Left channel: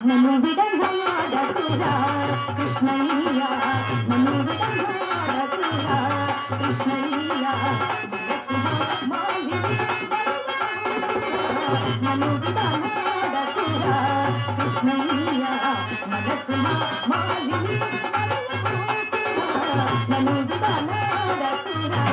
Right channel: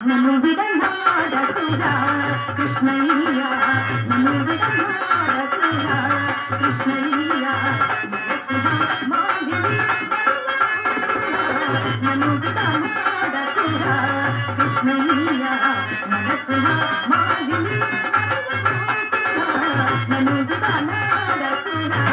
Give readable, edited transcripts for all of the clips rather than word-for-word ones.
నన్ను విడనాడకురా కృష్ణయ్య, నన్ను విడనాడకురా కృష్ణయ్య, మనసున మాలిని నన్ను విడనాడకురా కృష్ణయ్య, మనసున మాలిని నన్ను విడనాడకురా.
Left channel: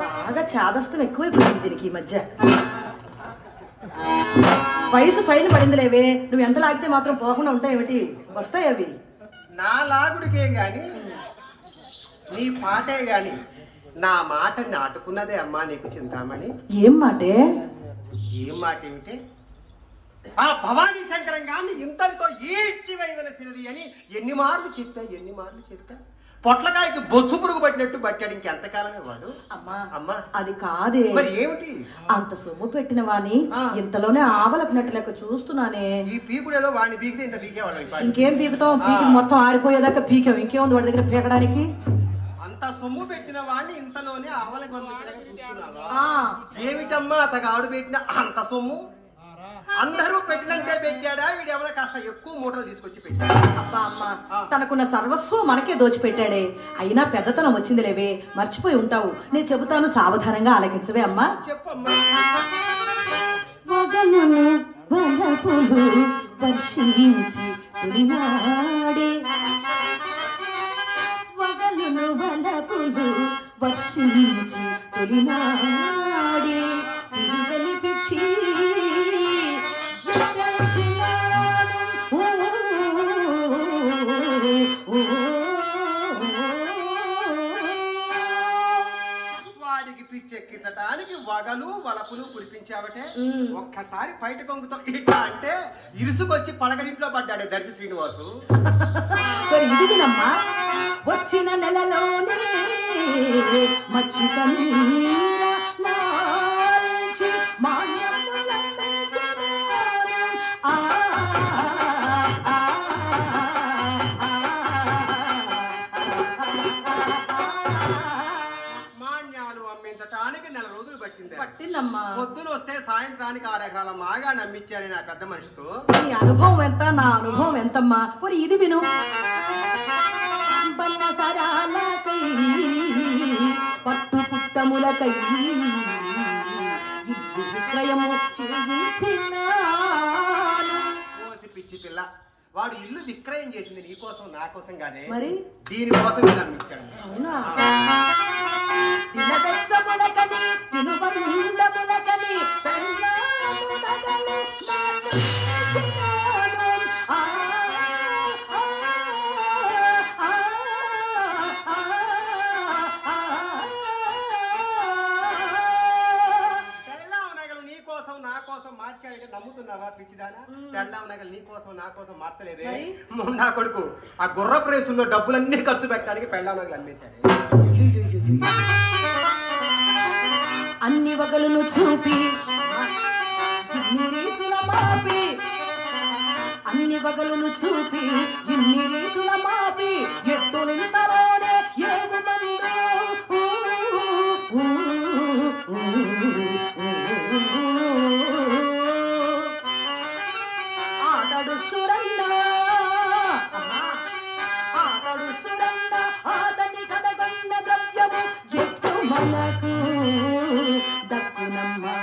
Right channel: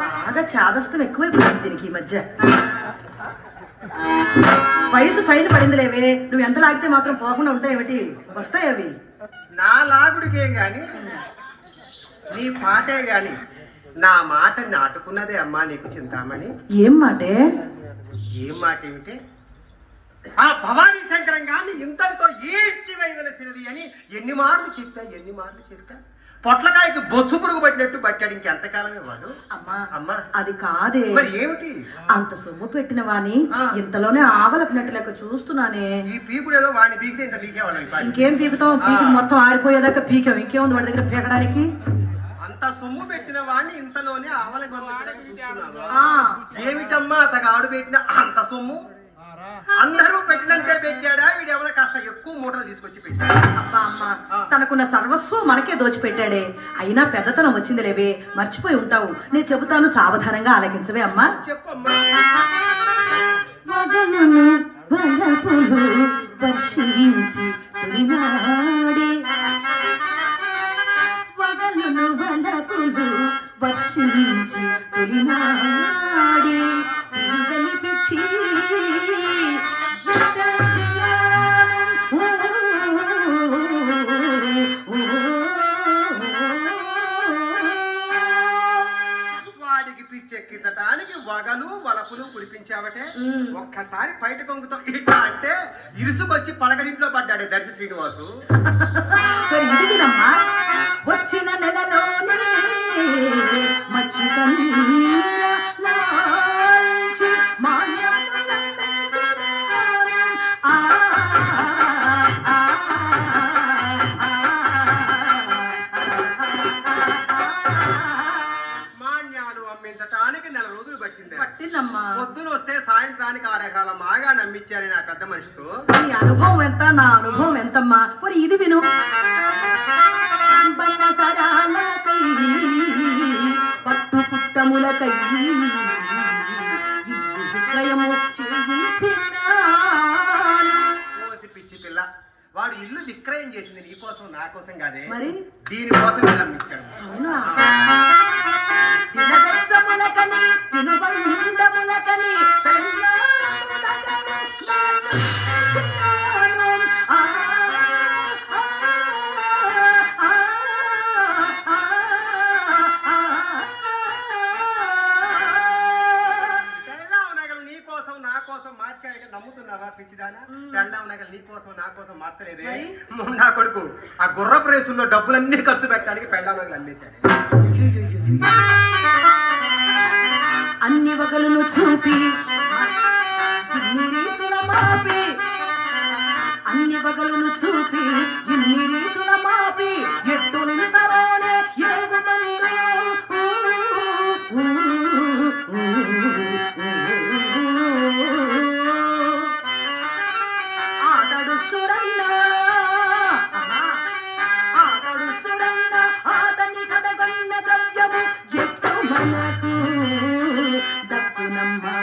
బాగా చాదస్తం ఎక్కువైపోయింది దీనికి ఈ మధ్య. వయసు పైన పడిందిలేవే, నువ్వు ఎంత లాగితే మాత్రం పోకుండా ఉంటాయేమిటి? వస్తాయి అవి. నా లాగుడికే గాని నీ పాటే గాని నా మాట నాటుకున్నదే అమ్మా నీకు చింతామణి. ఏం మాటే? ఏం మాట ఏమిటే? ఆ భవానీ శంకరం గాని ఇంతటితో ఈడ్చి వేయవలసినది అని ఎన్ని మార్లు చెప్పా. పొట్లకాయకి బొచ్చు పురుగు పట్టినట్టు పట్టాడు. ఇంకెంతకాలమే వాడు. అమ్మా అది కాదే. మరి ఏమిటి? అంత సొమ్ము పెట్టిన వాణి ఇంతలోనే ఆవలపినట్టు లెక్క చూస్తున్నానే. ఈ పీకుడు ఏదో వాడిని పీకితే ఇంత పీకేవాళ్ళం. ఇంకేం పీకుతాం? పీకి మొత్తం ఆరిపోయేదాకా పీకాం. ఇంకేముంది వాడి దగ్గర పీకడానికి? అంత సొమ్ము పెట్టిన వాడిని ఇంతలోనే ఆవల ఏమిటమ్మా అతగాడు పెట్టిన అంత సొమ్ము? అందరూ పెట్టినంతే పెట్టాడా? వీడేమన్నా కాస్త ఎక్కువ మూటలు తీసుకొచ్చి పెట్టాడు. అబ్బా అమ్మా, తనకున్న సర్వస్వం మనకే దోచిపెట్టాడే. అయినా పెద్దతనం వచ్చింది లేవే, మర్చిపోయి ఉంటావు. నేను చెబుతాను, సావధానంగా ఆలకించవే అమ్మా. చెప్పమ్మా. వర్షించి తొలినాడే, వగలును వలపులు వర్షించి తొలినాడే, తిరిగని పిచ్చి వాడికి పిచ్చెక్కించటానికి వగలు వలపులు కురిపించావటే. ఒక్కసారి బయట కొంగుతో ఇట్లా అంటే ఇరుసుకొచ్చి పలకడింట్లో పడ్డాడే దర్శి శ్రీనివాసు. సరే ఇదినమ్మా, వచ్చిన నెలలోనే మచ్చిక మాన్యాలు అమ్మించటానికి 4 రోజులు పట్టిందమ్మా. పొద్దున వస్తే సాయంత్రానికి 6 ఎకరాల మాగా నమ్మించాను నా పెద్ద మనిషితో. నీ అనుభవం ఎంత, నా అనుభవం ఎంతమ్మా? పోనీ ఇది విను. పట్టు పుట్టములకై ఇల్లు విక్రయము కోసి పిచ్చి పిల్ల, వాడు ఇల్లు విక్రయం చేసింది నీ కోసం నా కోసం కాదే, మరి దీనికోసం నమ్మించాడు. అవునా? తినబెచ్చములకని తినుబంధములకని మార్చాడంటే నమ్ముతున్నావా పిచ్చిదానా? పెళ్ళాం నగలు నీ కోసం నా కోసం మార్చలేదే. నా కొడుకు ఆ గుర్రపు రేసుల్లో డబ్బులన్నీ ఖర్చు పెట్టడానికి పెళ్ళాం నగలు అమ్మేశాడు. అన్ని వగలను చూపి ఇన్ని రీతుల మాపి అన్ని వగలను చూపి ఇన్ని రీతుల మాపి ఎట్టులుంటలోనే ఆతడు సురన్న ఆతడు సురన్న ఆతని కథగొన్న ద్రవ్యము ఎత్తు మనకు దక్కునమ్మా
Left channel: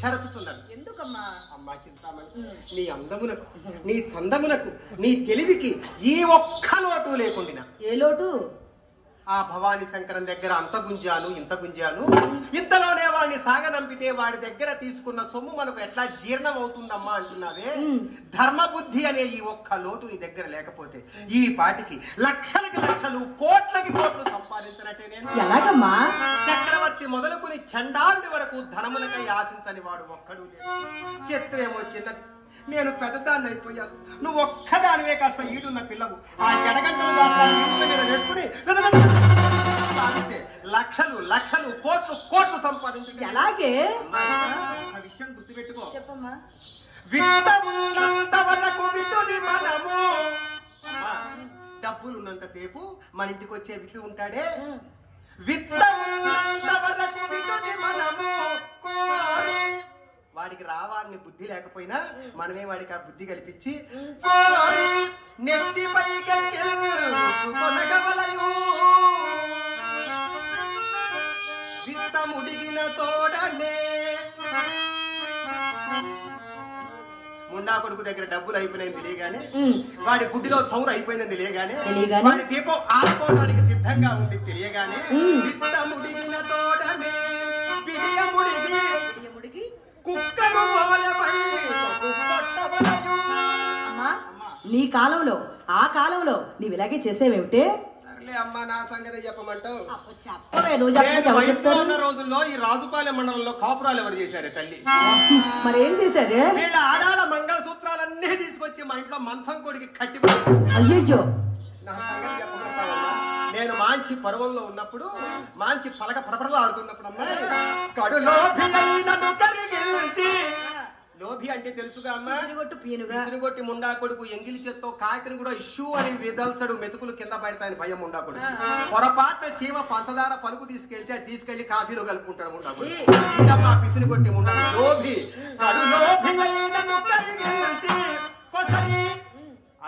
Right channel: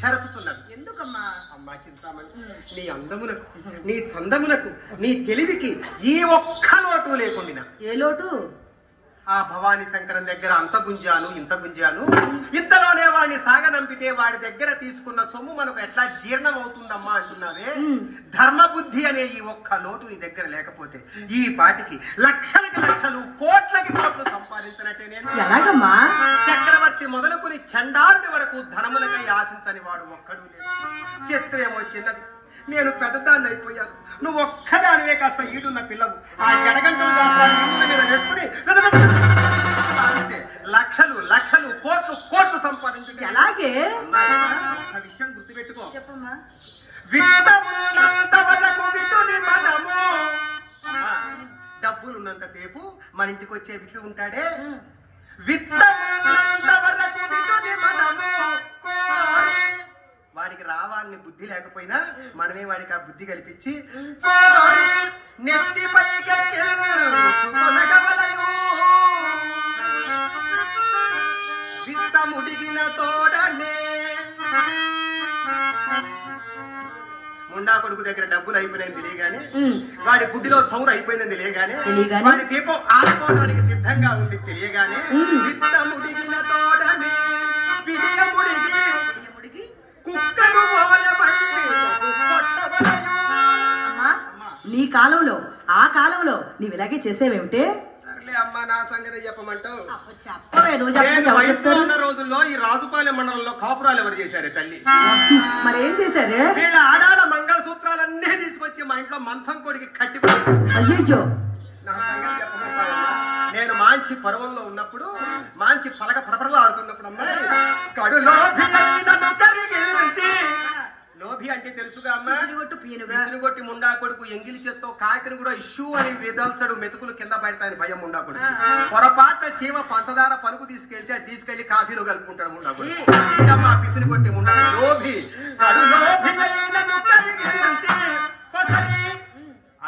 చెరచుచున్నది. ఎందుకమ్మా? అమ్మా చింతామణి, నీ అందమునకు, నీ చందమునకు, నీ తెలివికి ఈ ఒక్క లోటు లేకుండా. ఏ లోటు? ఆ భవానీ శంకరం దగ్గర అంత గుంజాను ఇంత గుంజాను, ఇంతలోనే వాడిని సాగనంపితే వాడి దగ్గర తీసుకున్న సొమ్ము మనకు ఎట్లా జీర్ణం అవుతుందమ్మా అంటున్నావే. ధర్మబుద్ధి అనే ఈ ఒక్క లోటు నీ దగ్గర లేకపోతే ఈ పాటికి లక్షలకి లక్షలు కోట్లకి కోట్లు సంపాదించినట్టే. నేను ఎలాగమ్మా? చక్రవర్తి మొదలుకుని చండాలుడి వరకు ధనమునకై ఆశించని వాడు ఒక్కడు లేదు. చిత్రేమో చిన్నది, నేను పెద్దదాన్ని అయిపోయాను, నువ్వు ఒక్కదానివే కాస్త ఈడున్న పిల్లవు. ఆ జడగంటలు మీద వేసుకుని లక్షలు లక్షలు కోట్లు కోట్లు సంపాదించు. అలాగే ఒక విషయం గుర్తుపెట్టుకో. చెప్పమ్మా. విత్తమున్నంత వరకు విటుని మనము, డబ్బులున్నంతసేపు మన ఇంటికి వచ్చే విటు ఉంటాడే, విత్తమున్నంత వరకు విటుని మనము వాడికి రావాలని బుద్ధి లేకపోయినా మనమే వాడికి ఆ బుద్ధి కల్పించి విత్తముడిగిన తోడనే. ముండా కొడుకు దగ్గర డబ్బులు అయిపోయినాయి తెలియగానే, వాడి గుడ్డిలో చౌరు అయిపోయిందని తెలియగానే, వాడి దీపం ఆడుకోవడానికి సిద్ధంగా ఉంది తెలియగానే, విత్తముడిగిన తోడనే పిడియముడిగి కుక్కను అమ్మా, నీ కాలంలో ఆ కాలంలో నీవు ఇలాగే చేసేవేమిటే? సర్లే అమ్మా, నా సంగతి చెప్పమంటావు. నేను వయసులో ఉన్న రోజుల్లో ఈ రాజుపాలెం మండలంలో కాపురాలు ఎవరు చేశారే తల్లి? మరేం చేశారే? వీళ్ళ ఆడాల మంగళసూత్రాలన్నీ తీసుకొచ్చి మా ఇంట్లో మంచం కొడికి కట్టి. అయ్యో, నా సంగతి చెప్పమంటావమ్మా. నేను మంచి పర్వంలో ఉన్నప్పుడు, మంచి పలక పడపడలో ఆడుతున్నప్పుడు అమ్మాయి కడులో లోభి అంటే తెలుసుగా అమ్మా, విసురుగొట్టి ముండా కొడుకు ఎంగిలి చేత్తో కాకిని కూడా ఇష్యూ అని విదల్చడు, మెతుకులు కింద పడతాయని భయం ముండా కొడుకు. పొరపాటున చీమ పంచదార పలుకు తీసుకెళ్తే అది తీసుకెళ్లి కాఫీలో కలుపుకుంటాడు ముండా కొడుకు. పిసిని కొట్టి ముండా లోభి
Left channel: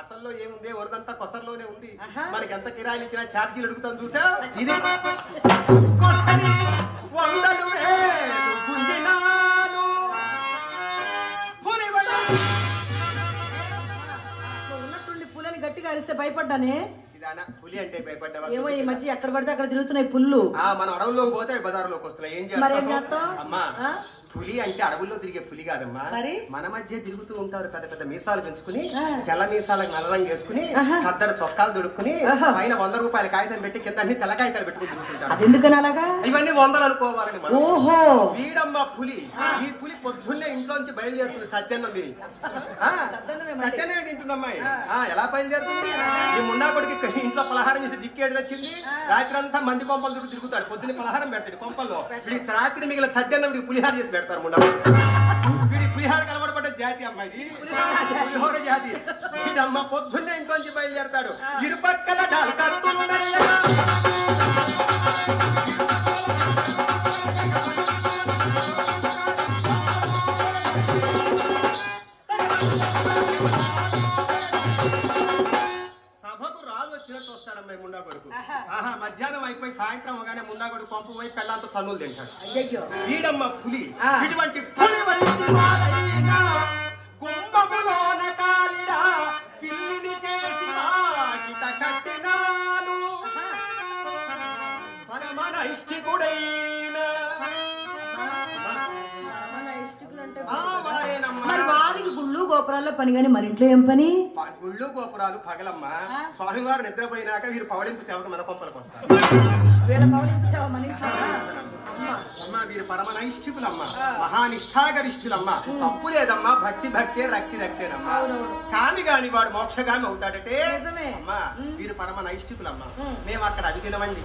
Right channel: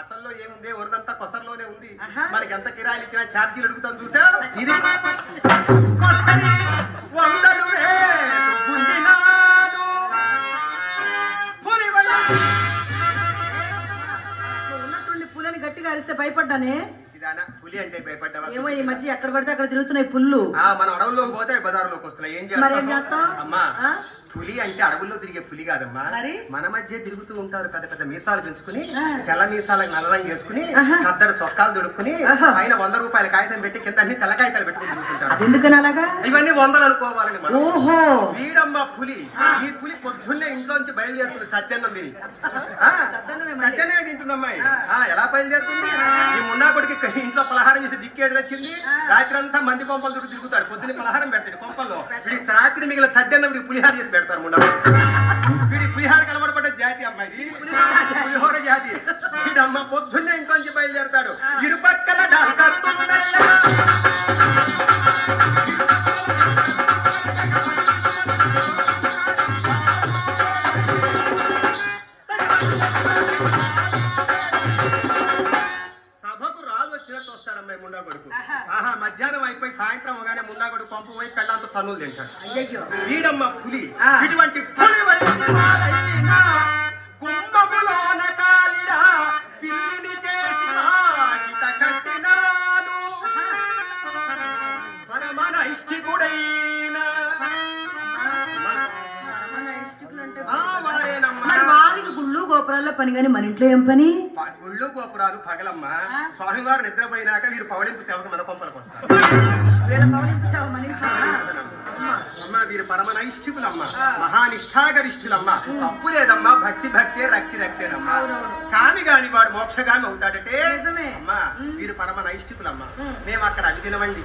అసల్లో ఏముంది, వరదంతా కొసర్లోనే ఉంది. మనకి ఎంత కిరాయిలు ఇచ్చినా ఛార్జీలు అడుగుతాం చూసా. ఇది ఉన్నట్టుండి పులని గట్టిగా అరిస్తే భయపడ్డానే. పులి అంటే భయపడ్డా? ఏమో ఈ మధ్య ఎక్కడ పడితే అక్కడ తిరుగుతున్నాయి పుల్లు. మన అడవుల్లోకి పోతే బజార్లోకి వస్తున్నాయి. ఏం చేస్తాం అమ్మా? పులి అంటే అడవుల్లో తిరిగే పులి కాదమ్మా, మన మధ్య తిరుగుతూ ఉంటారు. పెద్ద పెద్ద మీసాలు పెంచుకుని, తెల్ల మీసాలకు నల్లరంగు వేసుకుని, కద్దరు చొక్కాలు దొడుక్కుని, పైన 100 రూపాయల కాగితం పెట్టి కింద అన్ని తెల్ల కాగితాలు పెట్టుకుని తిరుగుతుంటారు. ఎందుకని అలాగా? ఇవన్నీ 100 అనుకోవాలని. ఓహో, వీడమ్మ పులి. ఈ పులి పొద్దున్నే ఇంట్లోంచి బయలుదేరుతుంది సత్యన్నం తిని. సత్యన్నమే తింటున్నమ్మాయి. ఎలా బయలుదేరుతుంది? ఈ మున్నా కొడుకు ఇంట్లో పలహారం చేసి దిక్కేడు వచ్చింది. రాత్రి అంతా మంది కొంపలు చుట్టూ తిరుగుతాడు. పొద్దున్న పలహారం పెడతాడు కొంపల్లో. వీడికి రాత్రి మిగిలిన సత్యన్నం పులిహార చేసి పెడతారు ముండా. వీడి పులిహార కలవడపడ్డ జాతి అమ్మాయి, పులిహోర జాతి. వీడమ్మ పొద్దున్నే ఇంట్లోంచి బయలుదేరుతాడు. ఇరుపక్కల సభకు రాజు వచ్చినట్టు వస్తాడమ్మాయి ముండా కొడుకు. మధ్యాహ్నం అయిపోయి సాయంత్రం అవగానే ముండా కొడుకు పంపు పోయి పెళ్ళంతో తన్నులు తింటాడు. వీడమ్మ పులి. ఇటువంటి పులి గుమ్మ పాములోన కాలిడా పిల్లిని చేసి వాకిట కట్టినాను పరమనైష్ఠికుడైన మరి వారికి గుళ్ళు గోపురాల్లో పని గాని మన ఇంట్లో ఏం పని? గుళ్ళు గోపురాలు పగలమ్మా. స్వామివారు నిద్రపోయినాక వీరు పవళింపు సేవకు మన కొంపలకు వస్తారు. వీళ్ళ పవళింపు సేవ మన ఇంట్లో అమ్మా వీరు పరమనైష్ఠికులమ్మా, మహానిష్ఠాగరిష్ఠులమ్మా. తప్పు లేదమ్మా, భక్తి భక్తే రక్తి రక్తేనమ్మా. కాని గాని వాడు మోక్షగామి అవుతాడటే. అమ్మా వీరు పరమనైష్ఠికులమ్మా. మేము అక్కడ అవి తినవండి,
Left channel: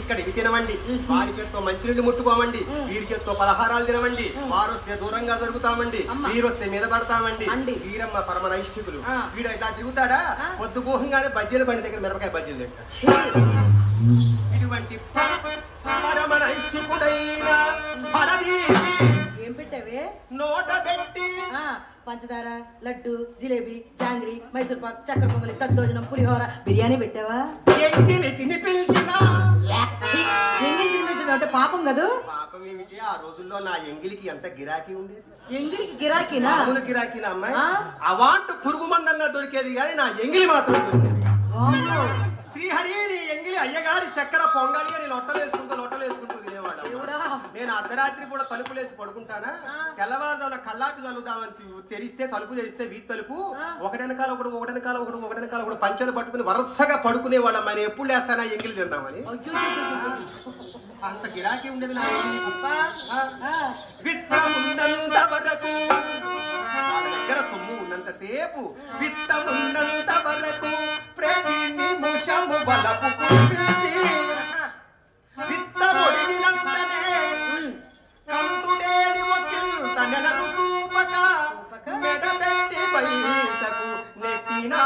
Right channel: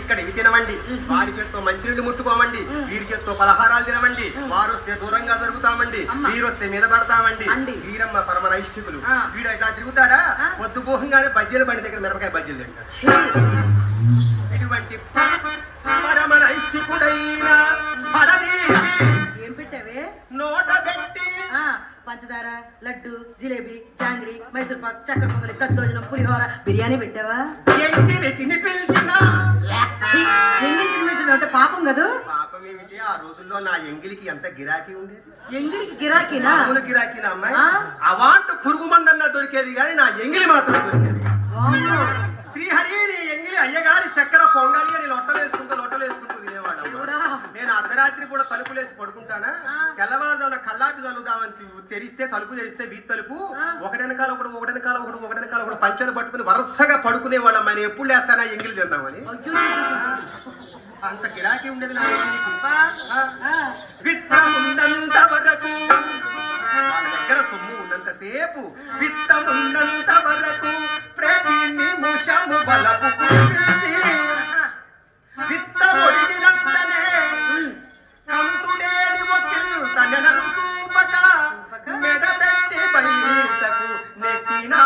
ఇక్కడ ఇవి తినవండి, వారి చేత్తో మంచినీళ్ళు ముట్టుకోమండి, వీరి చేత్తో పలహారాలు తినవండి. వారు వస్తే దూరంగా జరుగుతామండి, వీరు వస్తే మీద పడతామండి. వీరమ్మ పరమనైష్ఠికులు. వీడు ఇట్లా తిరుగుతాడా పొద్దు గోహంగానే బజ్జీల బండి దగ్గర మిరపకాయ బజ్జీలు తింటాడు. ఇటువంటి పరమనైష్ఠికుడైన ఏం పెట్టావే? నోట పెట్టి పంచదార, లడ్డు, జిలేబీ, జాంగ్రీ, మైసూర్ పాక్, చక్కెర పొంగలి, దద్దోజనం, పులిహోర, బిర్యానీ పెట్టావా? ఎంగిలి తినిపించిన ఎంగిలి తినిపించడం అంటే పాపం కదా? పాపం ఏమిటి? ఆ రోజుల్లో నా ఎంగిలికి ఎంత గిరాకీ ఉండేది. ఎంగిలికి గిరాకీనా? మామూలు గిరాకీనా అమ్మాయి? అవాంటు పురుగు మందన్నా దొరికేది కానీ నా ఎంగిలి మాత్రం దొరికేది. శ్రీహరి నీ ఎంగిలి అయ్యగారి చక్కెర పొంగాలి అని లొట్టలు వేసుకుంటూ తినేవాడు. నేను అర్ధరాత్రి కూడా తలుపులేసి పడుకుంటానా, తెల్లవారుజామున కల్లాపి చల్లుదామని తెరిస్తే తలుపు తెరిస్తే వీధి తలుపు ఒకటెనకాల ఒకటి పంచెలు పట్టుకుని వరుసగా పడుకునే వాళ్ళం. ఆయన ఎప్పుడు లేస్తానా ఎంగిలి చేద్దామని. అంత గిరాకీ ఉండేది నా విత్తమున్నంత వరకు, దగ్గర సొమ్ము ఉన్నంతసేపు విత్తమున్నంత వరకు ప్రతి నిమిషము బలపు కురిపించి విత్త ఒడిగినంతనే కంతుడేని ఒకింత నెలను చూపక మెడబెట్టి బయటకు నెట్టినా.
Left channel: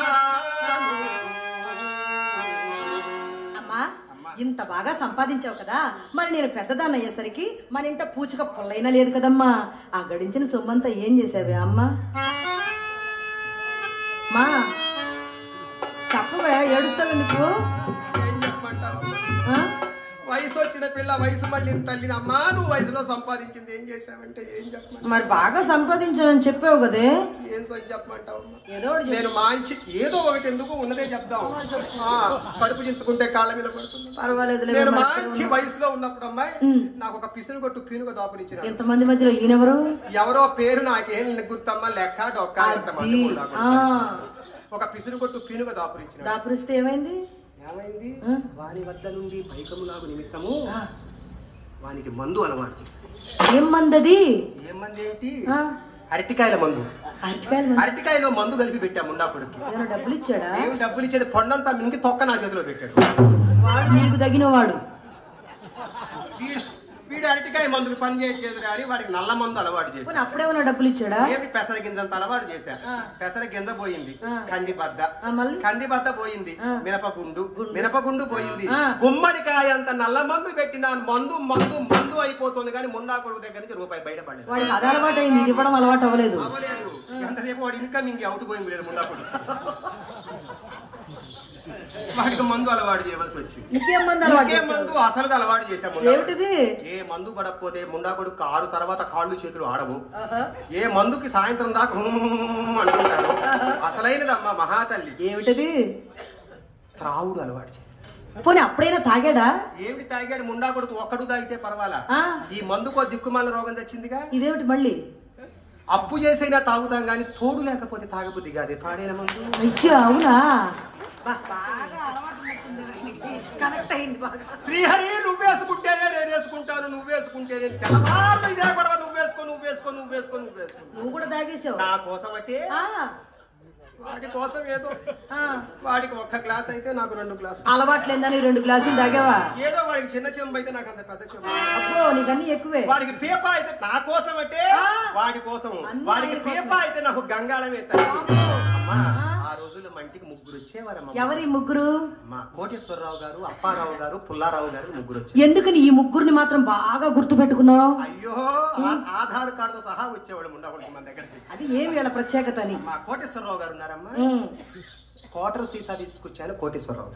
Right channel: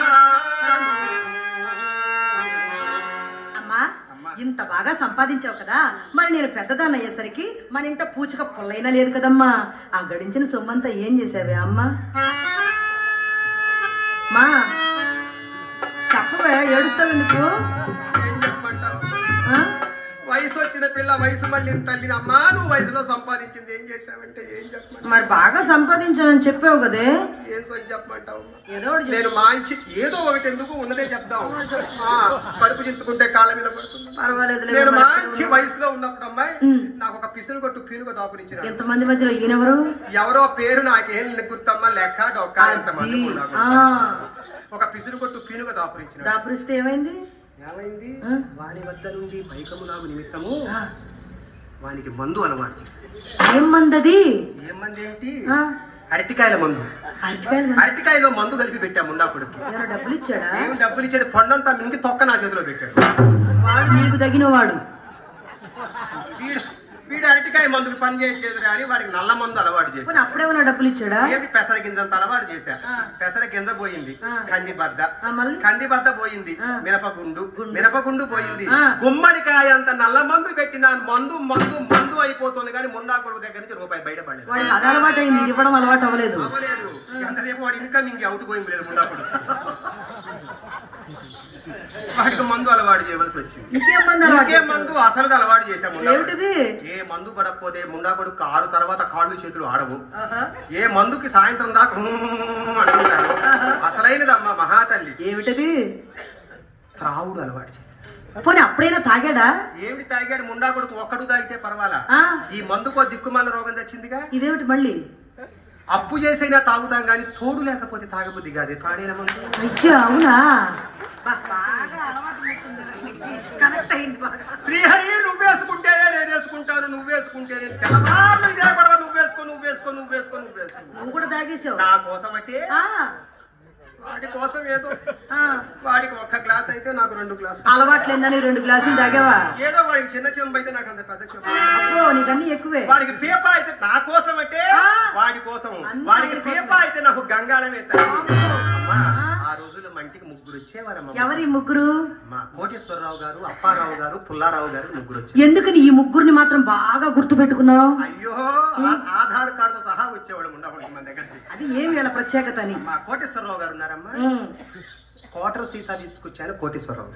ఇంత బాగా సంపాదించావు కదా, మరి నేను పెద్దదాన్ని అయ్యేసరికి మన ఇంట పూచిక పుల్లైనా లేదు కదమ్మా. ఆ గడించిన సొమ్మంతా ఏం చేసావే అమ్మా? మా చెప్పవే, ఏడుస్తావు ఎందుకు? ఏం చెప్పంటావు? వయసు వచ్చిన పిల్ల వయసు మళ్ళీ తల్లిని. అమ్మా నువ్వు వయసులో సంపాదించింది ఏం చేసావంటే ఏం చెప్పమంటావు? మరి బాగా సంపాదించావని చెప్పావు కదే, ఏం చెప్పమంటావు? ఏదో నేను మంచి ఏదో ఒకటి ఎందుకు ఉన్నదే చెప్దాం. కడుపు చించుకుంటే కాళ్ళ మీద పడుతుంది. పర్వాలేదు. నేను మంచి వయసులో ఉన్నప్పుడు అమ్మాయి నాకు ఒక పిసులు కొట్టు పీనుగా దాపురించిన. ఎంతమంది మధ్యలో ఈయనెవరు? ఎవరో పేరు నాకేం గుర్తమ్మా, లెక్క డొక్క ఎంతమంది. ఒక పిసులు కొట్టు పీనుగా దాపురించిన. దాపురిస్తే ఏమైంది? వారి వద్ద నుండి పైకములాగు నిమిత్తము వానికి మందు అలవాటు చేశాడు. ఏం మందది? ఏం మంది ఏమిటి? అరటికాయల మందు. అరటికాయలో మందు కలిపి పెట్టాము ఉన్నప్పటికి. డబ్బులు ఇచ్చాడా? ఏం డబ్బులు ఇచ్చేది? పొన్నంతా మింగి తొక్క నా చేతిలో పెట్టాడు. నీకు తగిన వాడు. వీడు అరటికాయ మందుకు పని చేయట్లేదు కానీ వాడికి నల్ల మందు అలవాటు చేశాడు. అప్పుడేమన్నా డబ్బులు ఇచ్చాడా? ఏమి పెసర గింజంత అలవాటు చేశారు. పెసర గింజ పోయింది, కంది బద్ద పోయింది, మినపగుండు పోయింది, గుమ్మడికాయ అంత నల్ల మందు పెట్టిన మందు మందు మందు అయిపోతుంది కానీ మున్నా కొడుకు దగ్గర నుంచి రూపాయి బయటపడలేదు. అది అలవాటు అయింది, ఇది ఇవ్వడం అలవాటు అవ్వలేదు. ఎంతసేపు వాడు ఇన్కమింగ్ అవుట్ గోయింగ్ లేదు మున్నా కొడుకు. వాడికి మందు అలవాటు చేయవలసి వచ్చింది. ఇంకే మందు అసలు అలవాటు చేశాము. ఏ మందు పడకపోతే ముండా కొడుకు 6 తర్వాత కాళ్ళు చేతులు ఆడవు. ఏ మందుకి సాయంత్రం దాకా అంటుంటారు. అసలైనదమ్మా మహాతల్లి. ఏమిటది? త్రావుడు అలవాటు చేశాడు. పోనీ అప్పుడైనా తాగాడా? ఏమిటి తాగాడు? ముండా కొడుకు ఒక్కడు తాగితే పర్వాలా, ఈ మందుకో దిక్కుమాల రోగం తెచ్చిందిగా. ఇదేమిటి మళ్ళీ? అప్పు చేసైనా తాగుతాం గాని తోడు లేకపోతే తాగబుద్ది కాదే. తాడేన మందు. అవునా? శ్రీహరి నువ్వేసుకుంటేనే నేను వేసుకుంటాను, నువ్వేసుకుంటేనే తెల్లవారు ఇదే గొడవ. నువ్వు కూడా తాగేసావు నా కోసం. అంటే వాడి కోసం ఏదో, వాడికి ఒక్క గ్లాస్ అయితే నాకు 2 గ్లాసులు. అలవాట్లేదని 2 గ్లాసులు తాగావా? ఏదో వాడికి చిన్న చెంబు అయితే నాకు అంత పెద్ద చెంబు. అప్పుడు నీకన్నీ ఎక్కువే. వాడికి పీప అయితే నా కోసం అంటే వాడి కోసం, వాడికి పీప అయితే నాకు గంగాళమే. అమ్మా ఆ రోజుల్లో మంటికి 3 వచ్చేవారమ్మా. ఎవరి 3? మా కోటేశ్వరరావు గారు, అప్పారావు గారు, పుల్లారావు గారు 3 వచ్చారు. ఎందుకని ఈ 3ని మాత్రం బాగా గుర్తు పెట్టుకున్నావు? అయ్యో ఆధార్ కార్డు సహా వచ్చేవాళ్ళు ఉండకూడదు మన దగ్గరికి. అది ఏమి వీళ్ళ ప్రత్యేకత అని. మా కోటేశ్వరరావు గారు ఉన్నారమ్మా. క్వార్టర్ సీసా తీసుకొచ్చాను కోటేశ్వరరావు.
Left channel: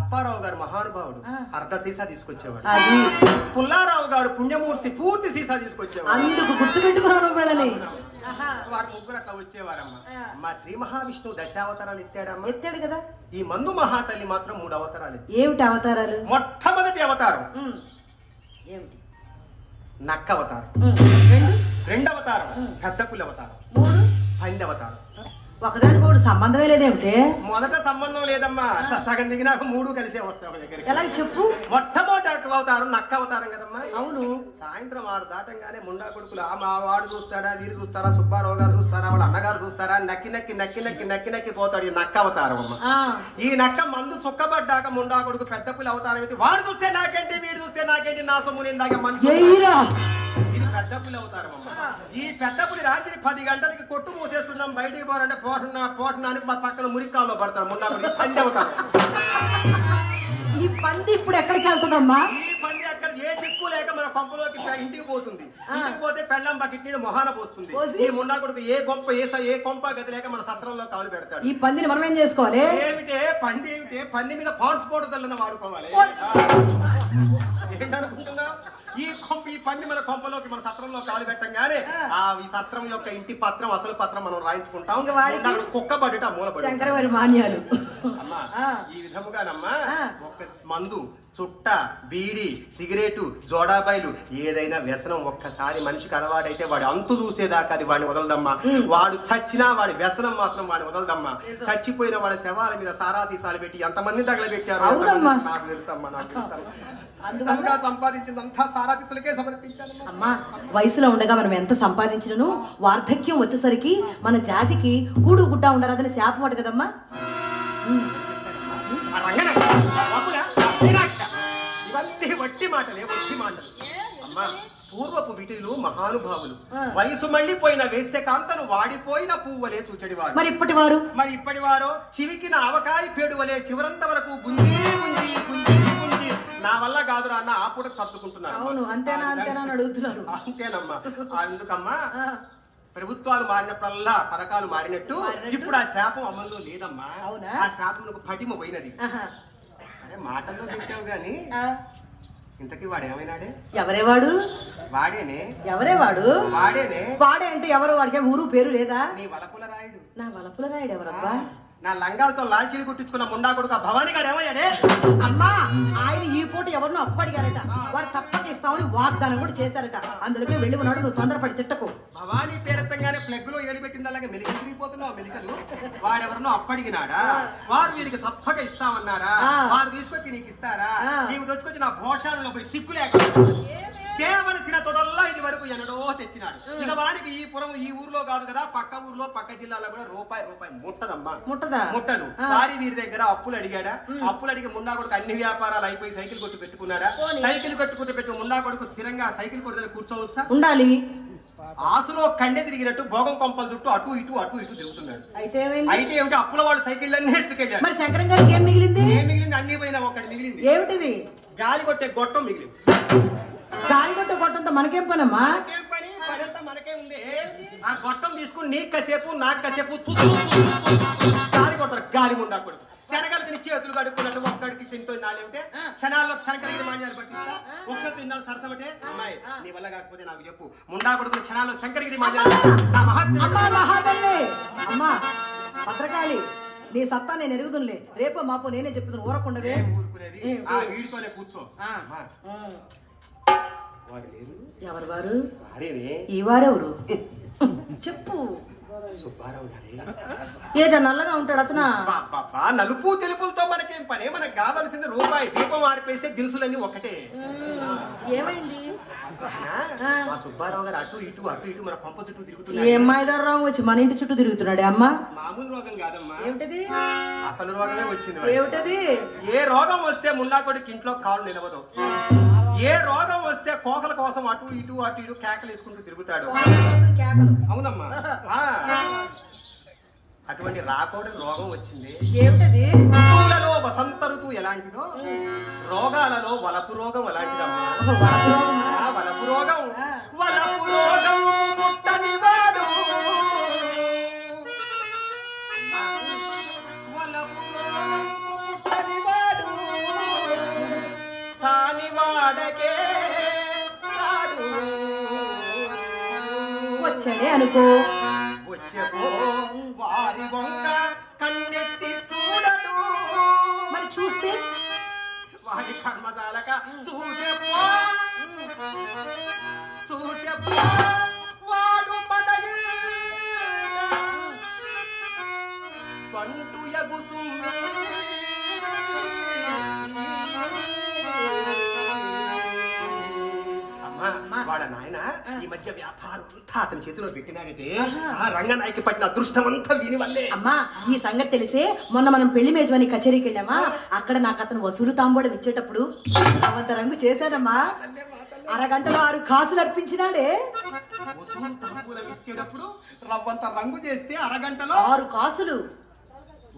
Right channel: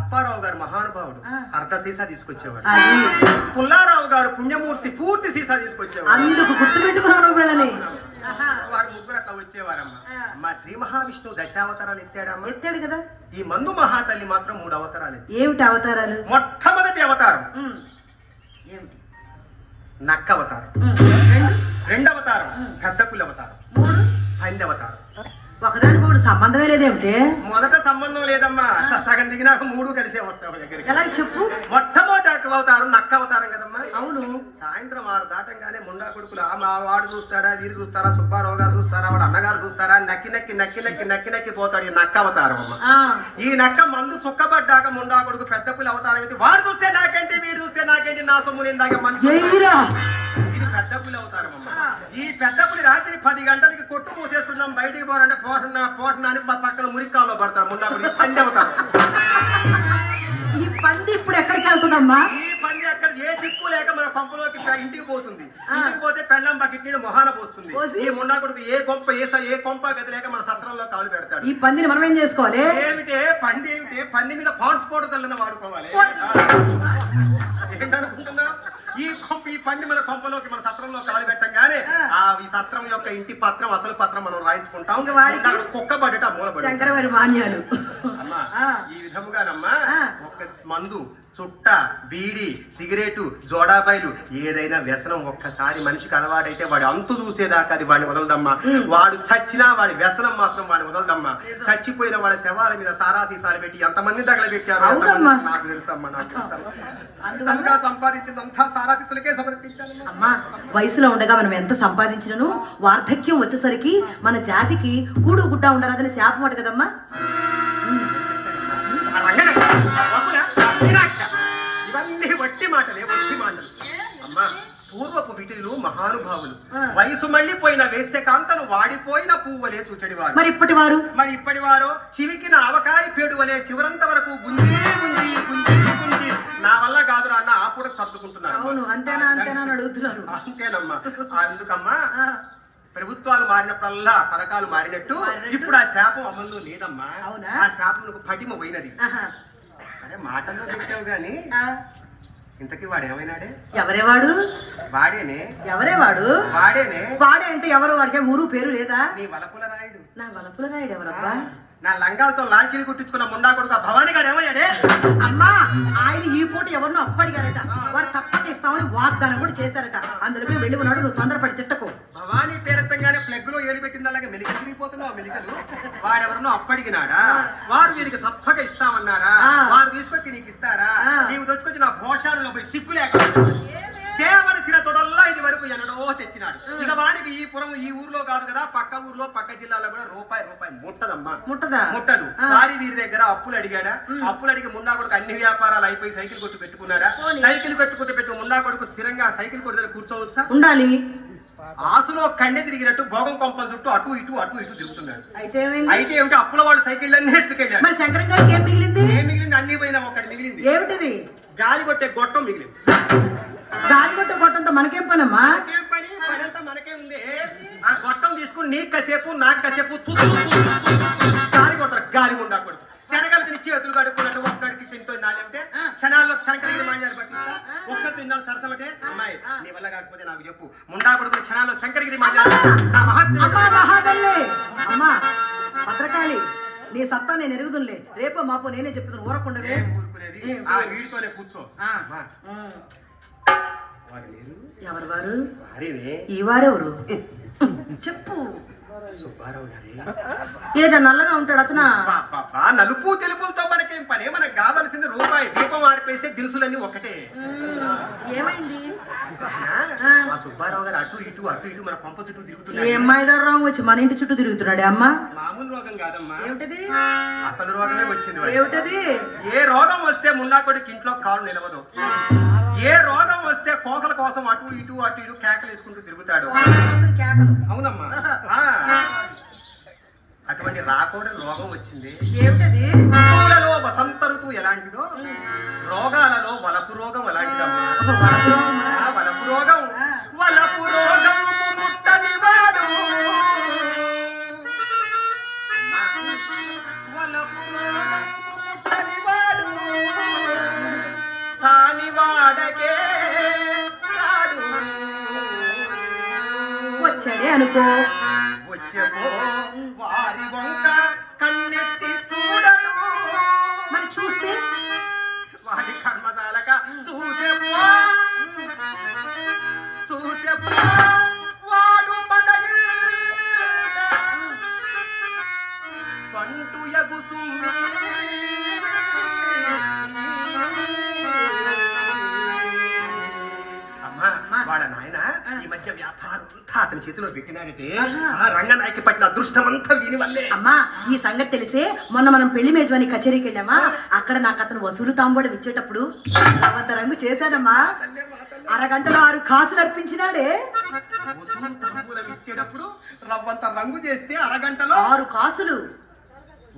అప్పారావు గారు మహానుభావుడు, అర్ధ సీసా తీసుకొచ్చేవాడు. పుల్లారావు గారు పుణ్యమూర్తి, పూర్తి సీసా తీసుకొచ్చేవాడు. అందుకు గుర్తు పెట్టుకున్నావు వీళ్ళని. వారు ముగ్గురు అట్లా వచ్చేవారమ్మా. మా శ్రీ మహావిష్ణువు దశావతారాలు ఎత్తాడమ్మా. ఎత్తాడు కదా. ఈ మందు మహాతల్లి మాత్రం 3 అవతారాలు. ఏమిటి అవతారాలు? మొట్టమొదటి అవతారం ఏమిటి? నక్క అవతారం. రెండవ అవతారం పెద్ద పులి అవతారం. 5వ అవతారం. ఒకదానికి ఒకటి సంబంధమే లేదేమిటి? మొదట సంబంధం లేదమ్మా. సగం దిగినాక 3 కలిసే వస్తావు దగ్గరికి. ఎలా చెప్పు? మొట్టమొదటి అవతారం నక్క అవతారం కదమ్మా. అవును. సాయంత్రం 6 దాటంగానే ముండా కొడుకులు మా వాడు చూస్తాడా, వీరు చూస్తారా, సుబ్బారావు గారు చూస్తారా, వాడు అన్నగారు చూస్తారా, నక్కి నక్కి నక్కి నక్కి నక్కి నక్కి పోతాడు. ఈ నక్క అవతారం అమ్మా. ఈ నక్క మందు చుక్కబడ్డాక ముండా కొడుకు పెద్ద పులి అవతారం అయితే వాడు చూస్తే నాకేంటి, వీడు చూస్తే నాకేంటి, నా సొమ్ము నిందాక మనిషి. ఇది పెద్ద పులి అవతారం అమ్మా. ఈ పెద్ద పులి రాత్రి 10 గంటలకి కొట్టు మూసేస్తున్నాం, బయటికి పోరంటే పోటున్నా అని మా పక్కన మురికాల్లో పడతాడు ముండా కొడుకు. పంది అవతారం. ఈ పంది ఇప్పుడు ఎక్కడికి వెళ్తుందమ్మా? ఈ పంది అక్కడ ఏ చిక్కు లేక మన కొంపలోకి ఇంటికి పోతుంది. ఇంటికి పోతే పెళ్ళం బకెట్ మీద మొహాన పోస్తుంది. ఈ ముండా కొడుకు ఏ కొంప గది లేక మన సత్రంలో కాలు పెడతాడు. ఈ పందిని మనం ఏం చేసుకోవాలి? ఏమిటే పంది మీద పాన్స్ పౌడర్ తల్లిన వాడుకోవాలి. ఏంటనుకుంటున్నా? ఈ పంది మన కొంపలోకి మన సత్రంలో కాలు పెట్టంగానే ఈ సత్రం యొక్క ఇంటి పత్రం అసలు పత్రం మనం రాయించుకుంటాం. కుక్క పడ్డట మూల శంకరవారి మాన్యాలు. అమ్మా ఈ విధముగానమ్మా ఒక మందు, చుట్ట, బీడి, సిగరెటు, జోడాబాయిలు ఏదైనా వ్యసనం ఒక్కసారి మనిషికి అలవాడైతే వాడి అంతు చూసేదాకా అది వాడిని వదలదమ్మా. వాడు చచ్చినా వాడి వ్యసనం మాత్రం వాడిని వదలదమ్మా. చచ్చిపోయిన వాడి శవాల మీద సారా సీసాలు పెట్టి ఎంతమంది తగలబెట్టారు నాకు తెలుసమ్మా. నాకు తెలుసమ్మా. సంపాదించిందంతా సారాతిత్తులకే సమర్పించాలి. అమ్మా వయసులో ఉండగా మనం ఎంత సంపాదించినను వార్ధక్యం వచ్చేసరికి మన జాతికి కూడు గుడ్డ ఉండరాదని శాపం అట కదమ్మా. ఇవన్నీ వట్టి మాటలే, వట్టి మాటలు అమ్మా. పూర్వపు విటులు మహానుభావులు వయసు మళ్ళీపోయిన వేశ్యకాంతను వాడిపోయిన పువ్వులే చూచడివారు. మరి ఇప్పటి వారు చివికిన ఆవకాయ పేడువలే చివరంత వరకు గుంజి గుంజి గుంజి గుంజి నా వల్ల కాదురా అన్న ఆ పూటకు సర్దుకుంటున్నారు. అడుగుతున్నారు. అంతేనమ్మా. అందుకమ్మా ప్రభుత్వాలు మారినప్పుడల్లా పథకాలు మారినట్టు ఇప్పుడు ఆ శాపం అమల్లో లేదమ్మా. ఆ శాపం పటిమ పోయినది. సరే మాటల్లో చెప్పావు గాని ఇంతకీ వాడు ఏమైనాడే? ఎవరేవాడు? వాడేనే. ఎవరే వాడు? వాడేనే. వాడే అంటే ఎవరు? వాడికి ఊరు పేరు లేదా? నీ వలపుల రాయుడు. నా వలపుల రాయుడు ఎవరబ్బా? నా లంగాలతో లాల్చీని కుట్టించుకున్న ముండా కొడుకు భవానీ గారు ఏమయ్యాడే? అమ్మా ఆయన ఈ పూట ఎవరినో అప్పడిగారట. వాడు తప్పక ఇస్తామని వాగ్దానం కూడా చేశారట. అందులోకి వెళ్ళి ఉన్నాడు. నువ్వు తొందరపడి తిట్టకు. భవానీ పేరెత్తంగానే ప్లగ్ లో ఏలు పెట్టింది అలాగే మెలికలు తిరిగిపోతున్నావు. మెలికలు వాడెవరినో అప్పడిగినాడా? వాడు వీరికి తప్పక ఇస్తామన్నారా? వారు తీసుకొచ్చి నీకు ఇస్తారా? నీకు తెచ్చుకొచ్చి నా భోషాలలో పోయి సిగ్గు లేక తేవలసిన తొడల్లా ఇది వరకు ఎన్నడో తెచ్చినాడు. ఇక వాడికి ఈ పురం ఈ ఊర్లో కాదు కదా, పక్క ఊర్లో పక్క జిల్లాలో కూడా రూపాయి ముట్టదమ్మా. ముట్టదు. వారి వీరి దగ్గర అప్పులు అడిగాడా? అప్పులు అడిగి ముండా కొడుకు అన్ని వ్యాపారాలు అయిపోయి సైకిల్ కొట్టు పెట్టుకున్నాడా? సైకిల్ పెట్టుకుని ముండా కొడుకు స్థిరంగా సైకిల్ కొట్టు దగ్గర కూర్చోవచ్చా? ఉండాలి. ఆసులో కండె తిరిగినట్టు భోగం కొంపల చుట్టూ అటు ఇటు తిరుగుతున్నాడు. అయితే ఏమిటి? అప్పుల వాడు సైకిల్ అన్ని ఎత్తుకెళ్ళాడు. మరి శంకరం గారికి ఏం మిగిలింది? అన్ని పోయినా ఒకటి మిగిలింది. ఏమిటిది? గాలి కొట్టే గొట్టం మిగిలింది. గాలి కొట్టే గొట్టంతో మనకేం పనమ్మా? పనంతా మనకే ఉంది. ఆ గొట్టం తీసుకుని నీకు కసేపు నాకు కసేపు గాలి కొట్టారు. గాలి ముండా కొడుకు శనగలకి చేతులు కడుక్కున్నట్టు ఒక్కడికి చెంతో నాలంటే క్షణాల్లో శంకరగిరి మాన్యాలు పట్టిస్తా. ఒక్కరితో ఇన్నాళ్ళు సరసమటే అమ్మాయి నీ వల్ల కాకపోతే నాకు చెప్పు. ముండా కొడుకు క్షణాల్లో శంకరగిరి మాన్యాలు. అమ్మా భద్రకాళి నీ సత్తా నేను ఎరుగుదులే. రేపు మాపో నేనే చెప్తున్నాను. ఊరకుండవే. వీడితోనే కూర్చో. ఎవరు వారు? ఈ వారెవరు చెప్పు. సుబ్బారావు గారి. ఏట నల్లగా ఉంటాడు అతనా? నలుపు తెలుపులతో మనకేం పని? మనకు కావలసింది రూపాయి. దీపం ఆరిపేస్తే దినుసులన్నీ ఒకటే. ఏమైంది? ఆ సుబ్బారావు గారు అటు ఇటు మన కొంప చుట్టూ తిరుగుతున్నాడు. ఏ మైదారం వచ్చి మన ఇంటి చుట్టూ తిరుగుతున్నాడే అమ్మా? మామూలు రోగం కాదమ్మా. ఏమిటది? అసలు రోగమే వచ్చింది. ఏమిటది? ఏ రోగం వస్తే మున్నా కొడుకు ఇంట్లో కాలు నిలవదు. ఏ రోగం వస్తే కోకల కోసం అటు ఇటు కేకలు వేసుకుంటూ తిరుగుతాడు. అవునమ్మా. అటువంటి రాకూడని రోగం వచ్చింది. ఏమిటది? ఋతువులలో వసంత ఋతువు ఎలాంటిదో రోగాలలో వలపు రోగం అలాంటిదమ్మా. వలపు రోగం ముట్టని వాడు. వలపు రోగం ముట్టని వాడు సానివాడకే వచ్చాడే అనుకో. ఓ వారి వంక కన్నెత్తి చూడడు. మరి చూస్తే వారి కర్మజాలక చూసే వాడు పదవి పంటు ఎగుసు వాళ్ళ నాయన ఈ మధ్య వ్యాపారం అంతా అతని చేతిలో పెట్టినాడంటే ఆ రంగనాయకి పట్టిన అదృష్టం అంతా వీని వల్లే. అమ్మా ఈ సంగతి తెలిసే మొన్న మనం పెళ్లి మేజవాని కచేరీకి వెళ్ళామా, అక్కడ నాకు అతను వసూలు తాంబూలం ఇచ్చేటప్పుడు రవంత రంగు చేశానమ్మా. అరగంటలో 6 కాసులు అర్పించినాడే. వసూలు తాంబూలం ఇచ్చేటప్పుడు రవ్వంత రంగు చేస్తే అరగంటలో 6 కాసులు.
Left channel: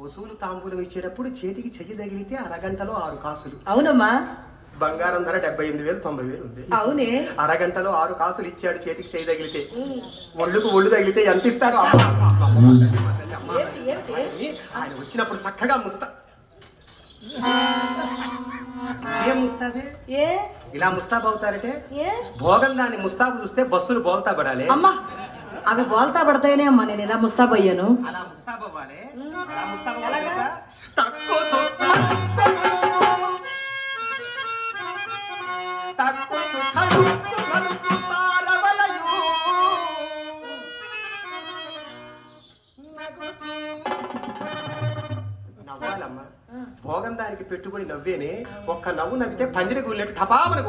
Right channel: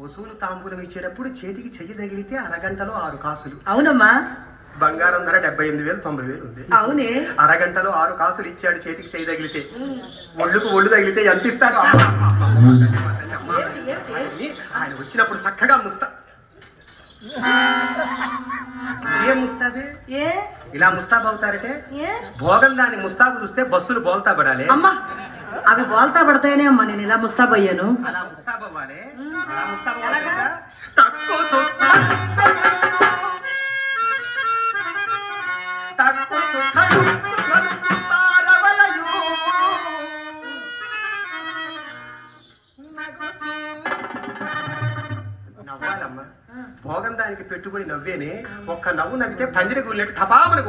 వసూలు తాంబూలం ఇచ్చేటప్పుడు చేతికి చెయ్యి తగిలితే అరగంటలో 6 కాసులు. అవునమ్మా. బంగారం ధర 78,000 90,000 ఉంది. అవునే. అరగంటలో 6 కాసులు ఇచ్చాడు చేతికి చెయ్యి తగిలితే. ఒళ్ళుకు ఒళ్ళు తగిలితే ఎంత ఇస్తాడు? ఆయన వచ్చినప్పుడు చక్కగా ఏం ముస్తాబే ఇలా ముస్తాబు అవుతారంటే భోగం దాన్ని ముస్తాబు చూస్తే బస్సులు బోల్తా పడాలి. అమ్మా అవి బోల్తా పడతాయనే అమ్మా నేను ఇలా ముస్తాబు అయ్యాను. అలా ముస్తాబు అవ్వాలి. నవ్వాలమ్మా. భోగం దానికి పెట్టుబడి నవ్వేనే. ఒక్క నవ్వు నవ్వితే పందిరి గుళ్ళెట్టు టపామని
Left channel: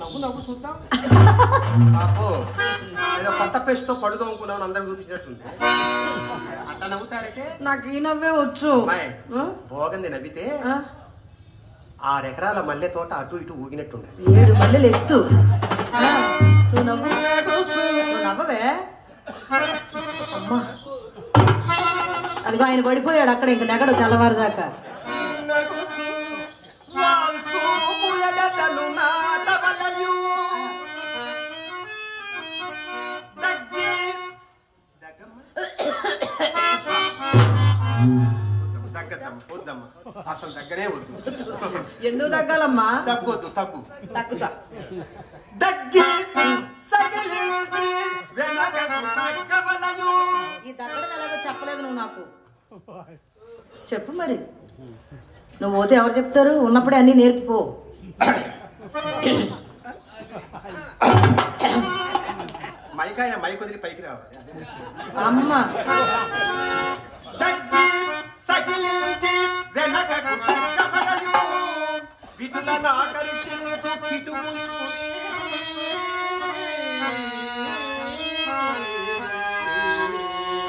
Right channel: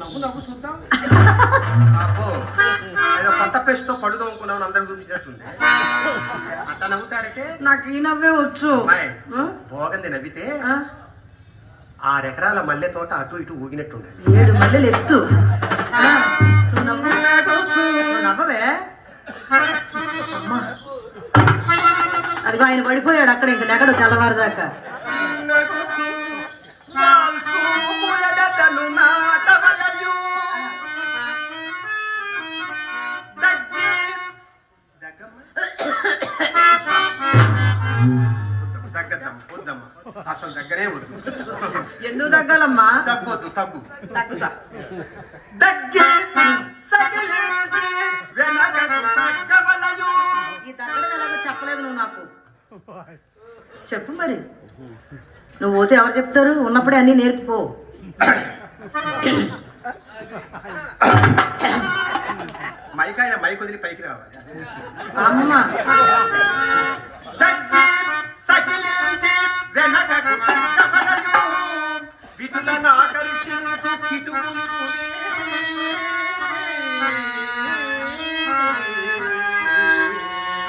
నవ్వు నవ్వు చూద్దాం. ఏదో కొత్త పేస్ట్తో పడుతూ అనుకున్నాను అందరూ చూపించినట్టుంది. అట్లా నవ్వుతారంటే నాకు ఈ నవ్వే వచ్చు. భోగంది నవ్వితే 6 ఎకరాల మల్లె తోట అటు ఇటు ఊగినట్టుండే. 7 మల్లెలు ఎత్తు. నవ్వవే. అదిగో ఆయన పడిపోయాడు అక్కడ, ఇంక నెగడు తెల్లవారుదాకా. అసలు దగ్గరే వద్దు. ఎందుకు తగ్గాలమ్మా? తగ్గొద్దు. తగ్గుతా. ఈ తగ్గడం ఎలాగో చెప్పలేదు నువ్వు నాకు. చెప్పు మరి. నువ్వు పోతే ఎవరు చెప్తారు? ఉన్నప్పుడే అన్ని నేర్పిపో. మైకాయన మైక్ వదిలి పైకి రావాలి. అమ్మా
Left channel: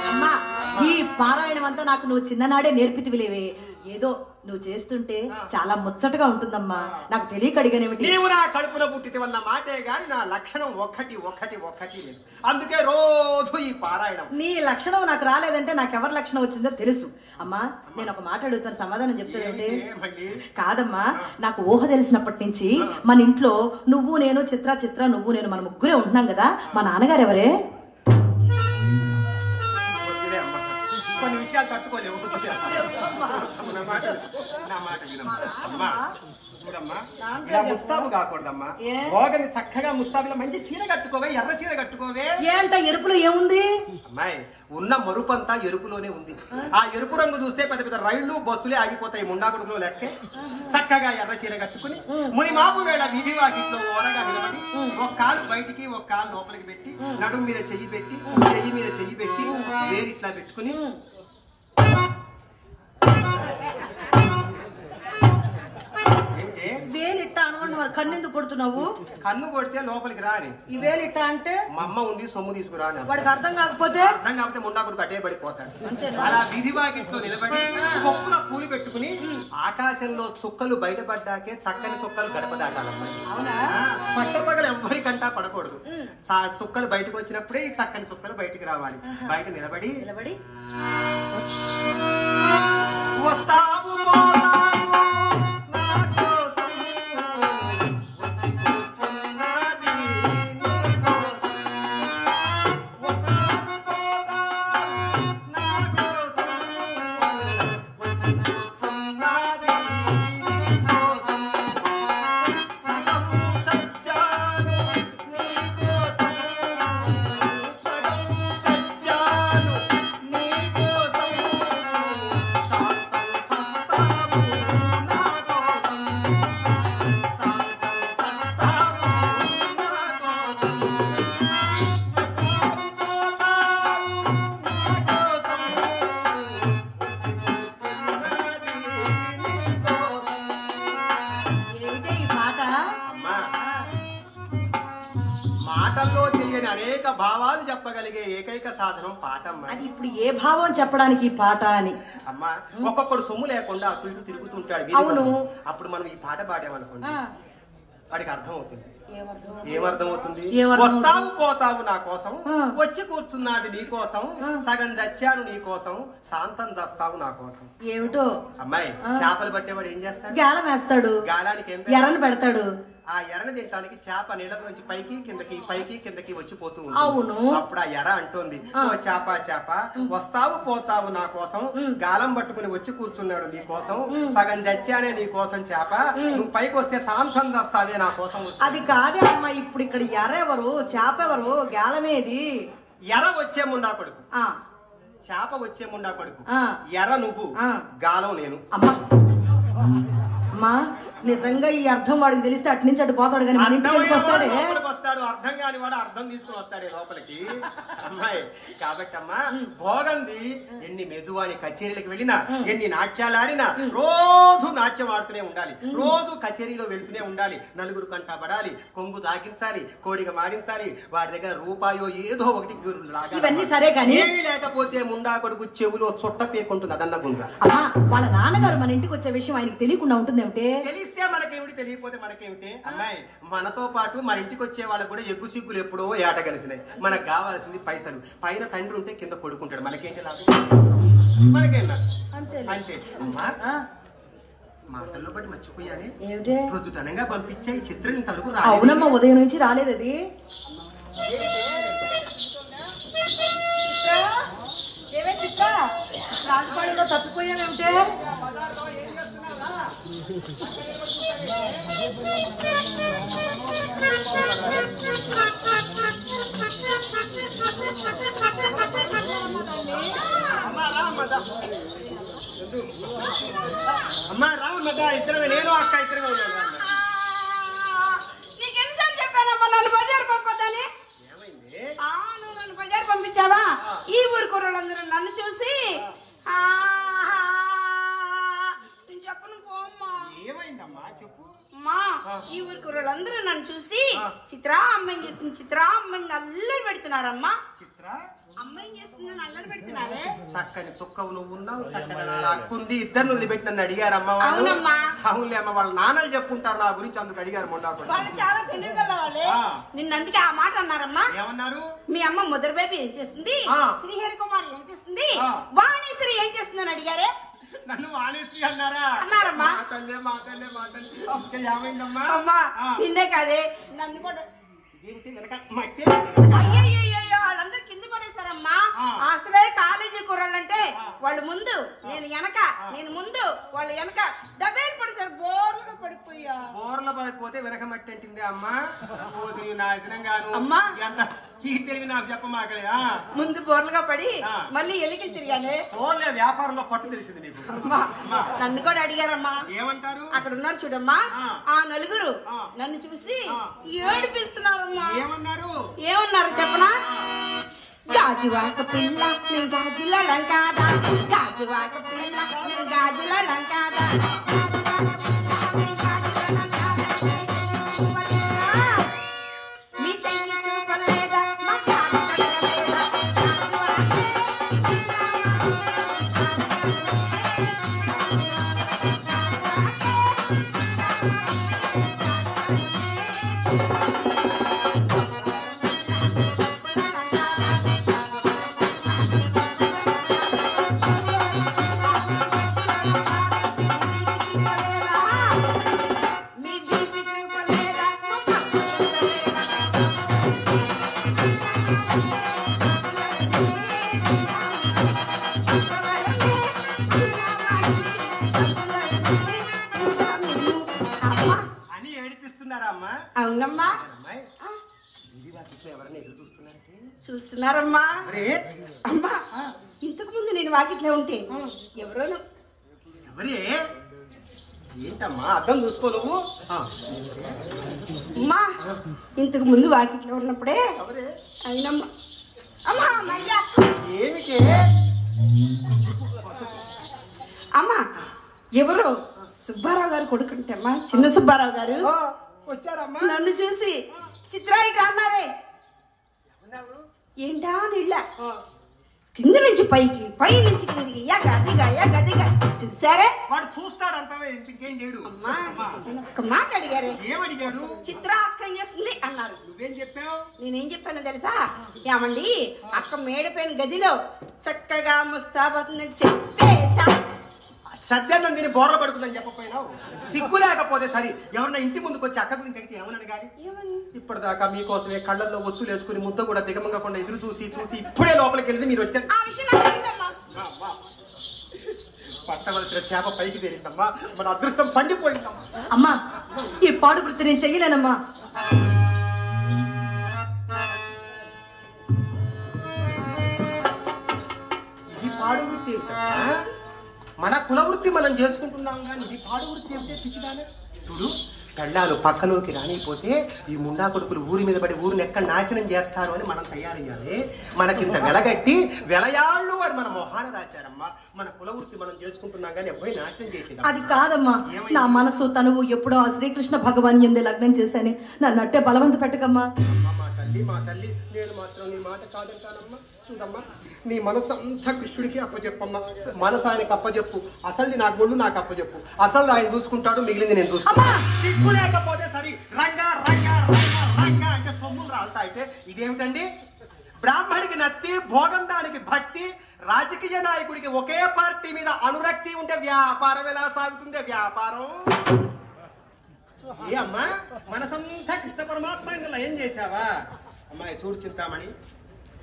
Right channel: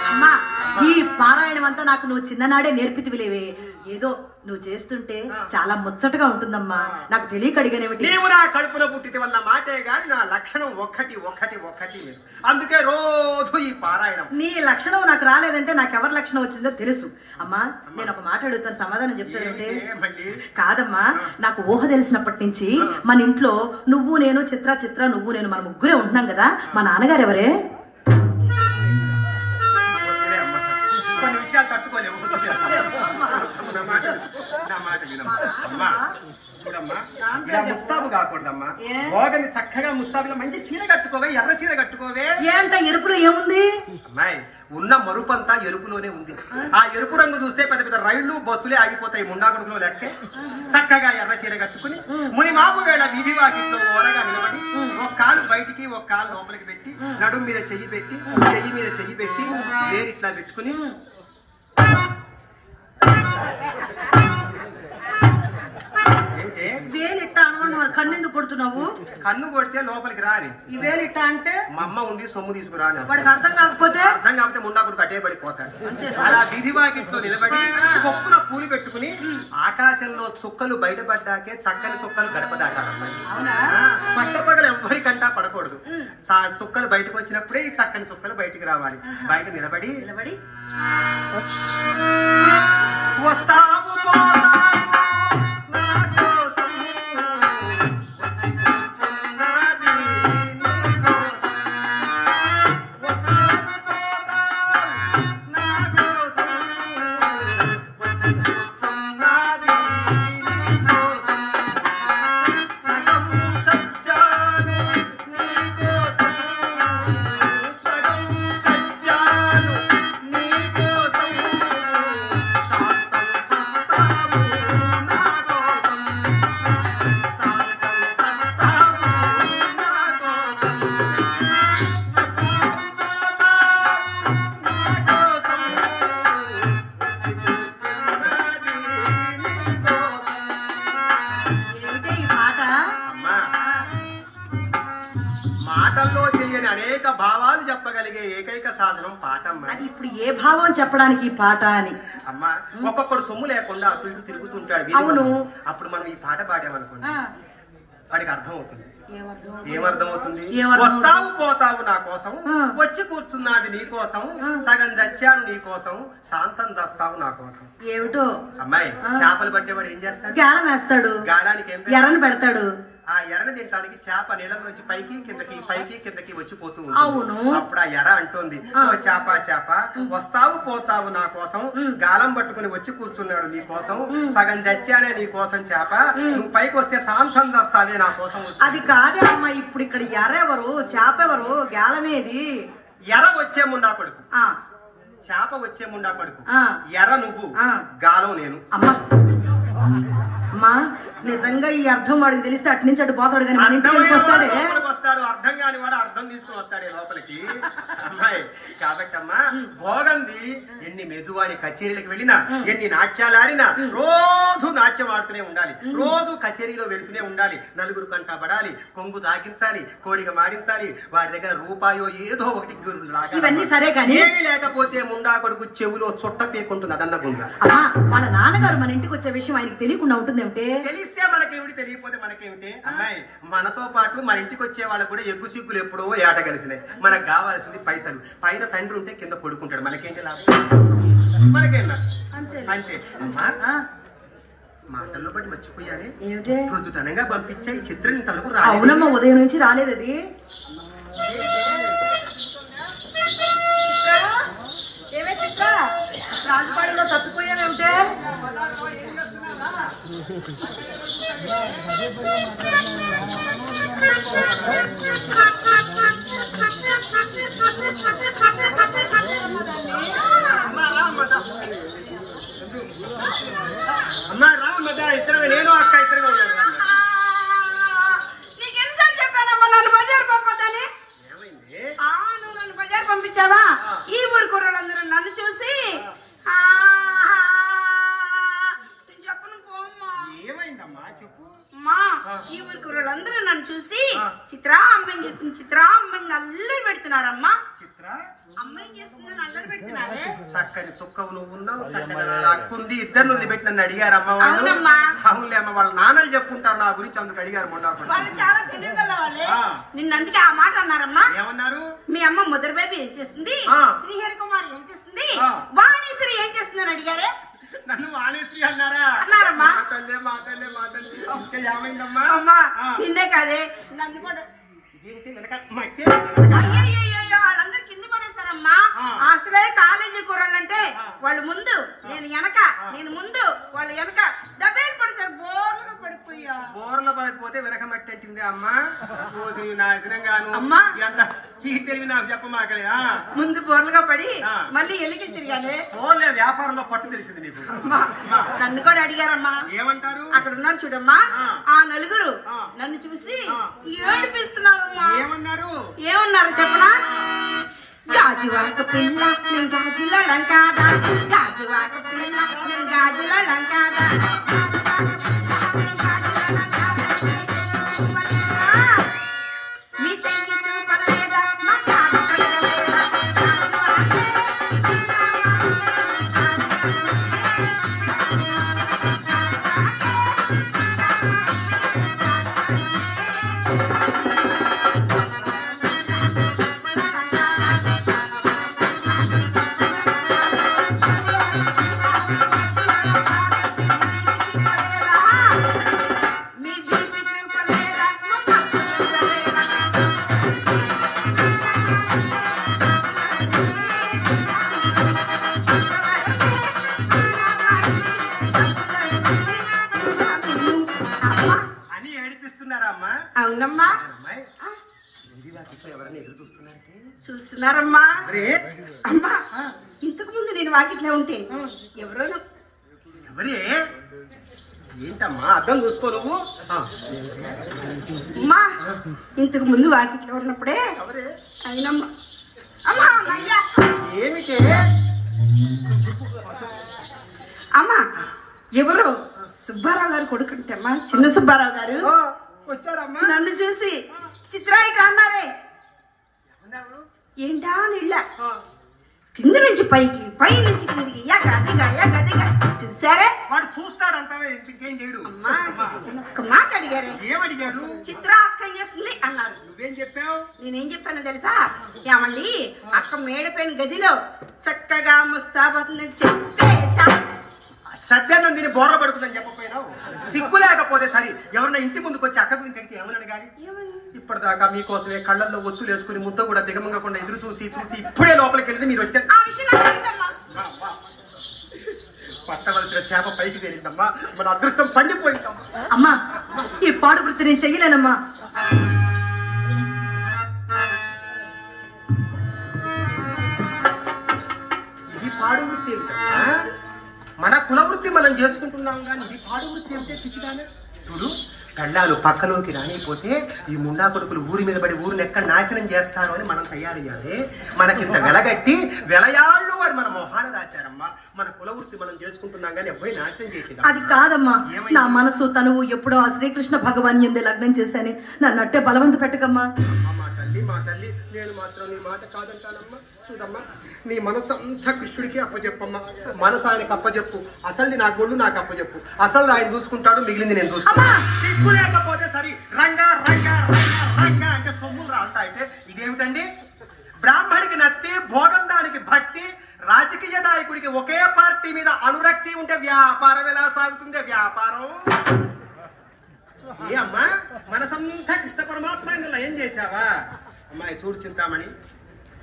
అమ్మా ఈ పారాయణం అంతా నాకు నువ్వు చిన్ననాడే నేర్పితివిలేవే. ఏదో నువ్వు చేస్తుంటే చాలా ముచ్చటగా ఉంటుందమ్మా. నాకు తెలియక అడిగానేమిటి? నీవు నా కడుపున పుట్టితే వల్ల మాటే గాని నా లక్షణం ఒక్కటి లేదు. అందుకే రోజు ఈ పారాయణం. నీ లక్షణం నాకు రాలేదంటే నాకెవరి లక్షణం వచ్చిందో తెలుసు. అమ్మా నేను ఒక మాట అడుగుతాను, సమాధానం చెప్తానంటే. కాదమ్మా, నాకు ఊహ తెలిసినప్పటి నుంచి మన ఇంట్లో నువ్వు నేను చిత్ర నువ్వు నేను మన ముగ్గురే ఉంటున్నాం కదా. మా నాన్నగారు ఎవరే? కొన్ని విషయాలు తట్టుకోలేవు. ముస్తాబు కాకూడదమ్మా. భోగని చక్కగా ముస్తాబులో మంచి చీర కట్టుకోవే, ఎర్ర చీర కట్టుకోవే. ఏంట ఎరుపులో ఏముంది? అమ్మాయి ఉన్న మరుపంతా ఎరుపులోనే ఉంది. ఆ ఎరుపు రంగు చూస్తే పెద్ద పెద్ద రైళ్లు బస్సులే ఆగిపోతాయి ముండాకొడుకులో లెక్కే. చక్కగా ఎర్ర చీర కట్టుకుని మునిమాపు వేళ వీధి వాకిట్లో ఓరగా నిలబడి ఒక కాలు బయటికి ఒక కాలు లోపలికి పెట్టి నడుము మీద చెయ్యి పెట్టి వేరిట్లా పెట్టుకుని వేలిట్ట అనుకున్నావు. కన్నెందుకు కొడుతున్నావు? కన్ను కొడితే లోపలికి రాని. ఈ వేలిట్ట అంటే మా అమ్మ ఉంది సొమ్ము తీసుకురాని. వాడికి అర్థం కాకపోతే మున్నాకుడు అట్టే పడిపోతాడు. అలా విధి వాకిట్లో నిలబడి కొప్పున పూలు పెట్టుకుని ఆకాశంలో చుక్కలు బయటపడ్డాకే చక్కని చుక్కలు గడప దాటాలన్నమాట. పట్టపగలు ఎవ్వరికంటా పడకూడదు. చుక్కలు బయటకు వచ్చినప్పుడే ఈ చక్కని చుక్కలు బయటికి రావాలి. బయట నిలబడి వస్తావు ఏమిటి ఈ పాట? అమ్మా, మాటల్లో తెలియని అనేక భావాలు చెప్పగలిగే ఏకైక సాధనం పాటమ్మా. అది ఇప్పుడు ఏ భావం చెప్పడానికి ఈ పాట అని? అమ్మా, ఒక్కొక్కడు సొమ్ము లేకుండా అటు ఇటు తిరుగుతుంటాడు. అవును. అప్పుడు మనం ఈ పాట పాడామనుకోండి, ఆ, వాడికి అర్థం అవుతుంది. ఏమర్థం? ఏమర్థమవుతుంది? ఏమర్థం? వస్తావు పోతావు నా కోసం, ఆ. వచ్చి కూర్చున్నది నీ కోసం, ఆ. సగం చచ్చాను నీ కోసం, శాంతం చస్తావు నా కోసం. ఏమిటో? అమ్మాయి, ఆ. చేపలు పట్టేవాడు ఏం చేస్తాడు? గాలం వేస్తాడు, గాలానికి ఏం ఎర్రని పెడతాడు. ఆ ఎర్రని తినడానికి చేప నీళ్ళ నుంచి పైకి కిందకి వచ్చిపోతూ అవును. ఉంటుంది. అప్పుడు ఆ ఎర్ర అంటుంది, ఆ. ఓ చేప చేప, వస్తావు పోతావు నా కోసం, గాలం పట్టుకుని వచ్చి కూర్చున్నాడు నీ కోసం, సగం చచ్చానే నీ కోసం చేప, నువ్వు పైకి వస్తే శాంతం చేస్తావే నా కోసం వస్తావు. అది కాదే అమ్మా, ఇప్పుడు ఇక్కడ ఎర్ర ఎవరు, చేప ఎవరు, గాలమేది? ఎర్ర వచ్చే ముండా కొడుకు, ఆ, చేప వచ్చే ముండా కొడుకు. ఆ. ఎర్ర నువ్వు, ఆ. గాలం నేను. అమ్మా అమ్మా, నిజంగా ఈ అర్థం వాడికి తెలిస్తే అటు నుంచి అటు పోతాడు కానీ మన ఇంటికి ఎందుకు వస్తాడే? లోపలికి వస్తాడు, అర్థం కాని వాడు అర్థం తీసుకుని వస్తాడే లోపలికి. అమ్మాయి, కాబట్టి అమ్మా, భోగంది ఎన్ని మెజువాని కచేరీలకు వెళ్ళినా, ఎన్ని నాట్యాలు ఆడినా, రోజు నాట్యం ఆడుతూనే ఉండాలి, రోజు కచేరీలో వెళుతూనే ఉండాలి, నలుగురు కంట పడాలి, కొంగు తాకించాలి, కోడిగా మాడించాలి, వాడి దగ్గర రూపాయో ఏదో ఒకటి లాగాలి. ఇవన్నీ సరే కానీ ఏమీ లేకపోతే ముండా కొడుకు చెవులో చుట్ట పేకుంటుంది, అదన్న గుంజ. అమ్మా, వాళ్ళ నాన్నగారు మన ఇంటికి వచ్చే విషయం ఆయనకి తెలియకుండా ఉంటుందేమిటే? తెలిస్తే మనకేమిటి, తెలియకపోతే మనకేమిటి? అమ్మాయి, మనతో పాటు మన ఇంటికి వచ్చే వాళ్ళకు కూడా ఎగ్గు సిగ్గులు ఎప్పుడో ఏట కలిసినాయి. మనకు కావాల్సింది పైసలు. పైన తండ్రి ఉంటే కింద పడుకుంటాడు, మనకేంటి లాభం? మనకేం లాభం? అంతే. అంతే. అమ్మా, ఆ, మాటల్లో బట్టి మర్చిపోయాలి. ఏమిటే? ప్రొద్దుటనంగా పంపించా ఈ చిత్రం ఇంతవరకు రాలేదు. అవునమ్మా, ఉదయం నుంచి రాలేదు అది. ఏమే చిత్ర, రాజపాడిలో తప్పిపోయావేమిటే? అమ్మా రా మదా, ఇద్దరు నేను అక్క ఇద్దరుగా ఉన్నాను. నీకు ఎన్నిసార్లు చెప్పానమ్మా నన్ను బజారు పంపొద్దని? ఏమైంది? నువ్వు నన్ను బజారు పంపించావా? ఈ ఊరు కుర్రలందరూ నన్ను చూసి నేను చెప్పను పోమ్మా. ఏమైందమ్మా చెప్పు. అమ్మా, ఈ ఊరు కుర్రలందరూ నన్ను చూసి చిత్ర అమ్మాయి చేస్తుంది, చిత్ర అమ్మాయిని అల్లరి పెడుతున్నారమ్మా. చిత్ర అమ్మాయి చేస్తుందని అల్లరి పెడుతున్నారే. చక్కని చుక్కవు నువ్వు ఉన్నావు, చక్కని నా అక్కుంది, ఇద్దరు వదిలిపెట్టి నన్ను అడిగారమ్మా వాళ్ళు. అవునమ్మా. అవునులే అమ్మ, వాళ్ళ నాన్నలు చెప్పుంటారు నా గురించి, అందుకు అడిగారు మొండాకుడు. వాళ్ళు చాలా తెలియగల వాళ్ళే. ఆ. నిన్నందుకే ఆ మాట అన్నారమ్మా. ఏమన్నారు? మీ అమ్మ ముద్ర బేబీ ఏం చేస్తుంది, ఆ. శ్రీహరి కుమార్ ఏం చేస్తుంది, ఆ. వాణీశ్వరి ఏం చేస్తుందని అడిగారే. నన్ను వాణిశ్రీ అన్నారా? అన్నారమ్మా. మా తల్లే మా తల్లే మా తల్లి. ఇంకా ఏమైందమ్మా? అమ్మా, ఆ. నిన్నే కాదే నన్ను కూడా. ఇదేంటి వెనక మట్టి? అయ్యయ్యయ్యో, వాళ్ళందరూ కింద పడేశారమ్మా. ఆ. అసలే కాలేజీ కుర్రాళ్ళంటే ఆ. వాళ్ళు ముందు, నేను వెనక, నేను ముందు, వాళ్ళు వెనక దబ్బేలు పడతారు, బోర్లుగా పడిపోయా. బోర్ల పడిపోతే వెనక మట్టి అంటింది అమ్మా. రోజు నీ నాశనం గాను. అమ్మా. ఎంత ఈ తెలివి నాకు చెప్పమాకలే. ముందు బోర్లుగా పడి ఆ. మళ్ళీ ఎలికి తిరిగానే. ఓన్లే వ్యాపారంలో పట్టు తెలిసింది నీకు. అమ్మా, నన్ను కూడా అడిగారమ్మా. ఏమంటారు? అక్కడ ఉన్నారు చూడమ్మా, ఆ. ఆ నలుగురు ఆ. నన్ను చూసి ఆ. ఏడిపిస్తున్నారమ్మా. ఏమన్నారు? ఏమన్నారు చెప్పనా? గాజువాక పిల్ల నేను గాజుల లంకాదా, గాజువాక పిల్ల నేను గాజుల లంకాదా, మీ చెయ్యి చూపలేదా, మా కాలు కడగలేదా, మీ బీపీ చూపలేదా, మా సంపు చూడలేదా. అని ఏడిపిస్తున్నారా అమ్మా? అవునమ్మా, అమ్మాయి, ముందు వాకిట్లో ఎవరైనా ఎదురు చూస్తున్నారంటే? చూస్తున్నారమ్మా. రే, అమ్మా, ఇంతకు ముందు నేను వాకిట్లో ఉంటే ఎవరో ఎవరే? ఏంటమ్మా అర్థం చూసుకో నువ్వు. అమ్మా ఇంతకు ముందు వాకిట్లో ఉన్నప్పుడే ఎవరే? అయినమ్మా అమ్మా మళ్ళీ ఏమిటే? అమ్మా ఎవరో సుబ్బారావు గారు కొడుకుంటమ్మా, చిన్న సుబ్బారావు గారు వచ్చారమ్మా. నన్ను చూసి చిత్రాయిట అన్నారే. ఎవరు? ఏంటా నీళ్ళ కింద నుంచి పైకి, పై నుంచి కిందికి గదిగా చూసారే. వాడు చూస్తాడంటావే, ఇంకేం చేయడు. అమ్మా నేను ఒక్క మాట అడిగారు. ఏమడిగాడు? చిత్ర అక్క ఏం చేస్తుంది అన్నారు. నువ్వేం చెప్పావు? నేనేం చెప్పానో తెలుసా? ఏమండి అక్క మేడపైన గదిలో చక్కగా ముస్తాబోతుందని చెప్పేసా. సత్యాన్ని దీన్ని బోర్ర పడుతుందని చెప్పపోయినావు. సిగ్గు లేకపోతే సరే, ఎవరన్నా ఇంటి ముందుకు వచ్చి అక్క గురించి అడిగితే ఏమని అడగాలి? ఇప్పటిదాకా మీకోసమే కళ్ళల్లో ఒత్తులు వేసుకుని ముద్ద కూడా దిగమంగకుండా ఎదురు చూసి ఇప్పుడే లోపలికి వెళ్తే మీరు వచ్చారు. ఆ విషయం నాకు తెలియదమ్మా. పట్టవలసిన చేప పైకి తేలిందమ్మా, మన అదృష్టం పండిపోయిందమ్మా. అమ్మా ఈ పాడు వృత్తి నేను చెయ్యలేనమ్మా. ఇది పాడు వృత్తి ఏమిటమ్మా? మన కుల వృత్తి మనం చేసుకుంటున్నాం కానీ ఇది పాడు వృత్తి ఏమిటే పిచ్చిదానా? చూడు, గళ్ళాలు పక్కలోకి రానిపోతే ఈ ముండా కొడుకులు ఊరి మీద పడి ఊరిని ఎక్కడ నాశనం చేస్తారు అని మనం తయారయ్యాలి. మనకింత వెలగట్టి వెలయాళ్ళు అని మన మొహాన రాశారమ్మా. మన కుల వృత్తి మనం చేసుకుంటున్నాం కానీ ఎవరి నాశనం చేసేది అది కాదమ్మా, నా మనసు తనువు ఎప్పుడో ఆ శ్రీకృష్ణ భగవాన్ ఎందే లగ్నం చేశాను. నన్ను అట్టే బలవంత పెట్టకమ్మా. మా తల్లి నేను మాత్రం నీ మాట కాదంటానమ్మా. చూడమ్మా, నీ మనసు అంతా కృష్ణుడికి అప్పచెప్పమ్మా. మనసు ఆయనకు అప్పచెప్పు. అసలుది నా గొళ్ళు నాకు అప్పచెప్పు. అసలు ఆయన చూసుకుంటాడు, మిగిలింది నేను చూసుకుంటాను. సిగ్గు లేకపోతే సరే రంగా రంగా రంగా అంటే సొమ్ములు రాస్తాయంటే ఇదేమిటండి? బ్రాహ్మడికి నత్తి, భోగంతానికి భక్తి, రాజకీయ నాయకుడికి ఒకే పార్టీ మీద అనురక్తి ఉంటే వ్యాపారం ఎలా సాగుతుంది? వ్యాపారం ఏ అమ్మా, మనసంతా కృష్ణ పరమాత్మ లయం చేశావా? అమ్మాయి చూడు చింతామణి,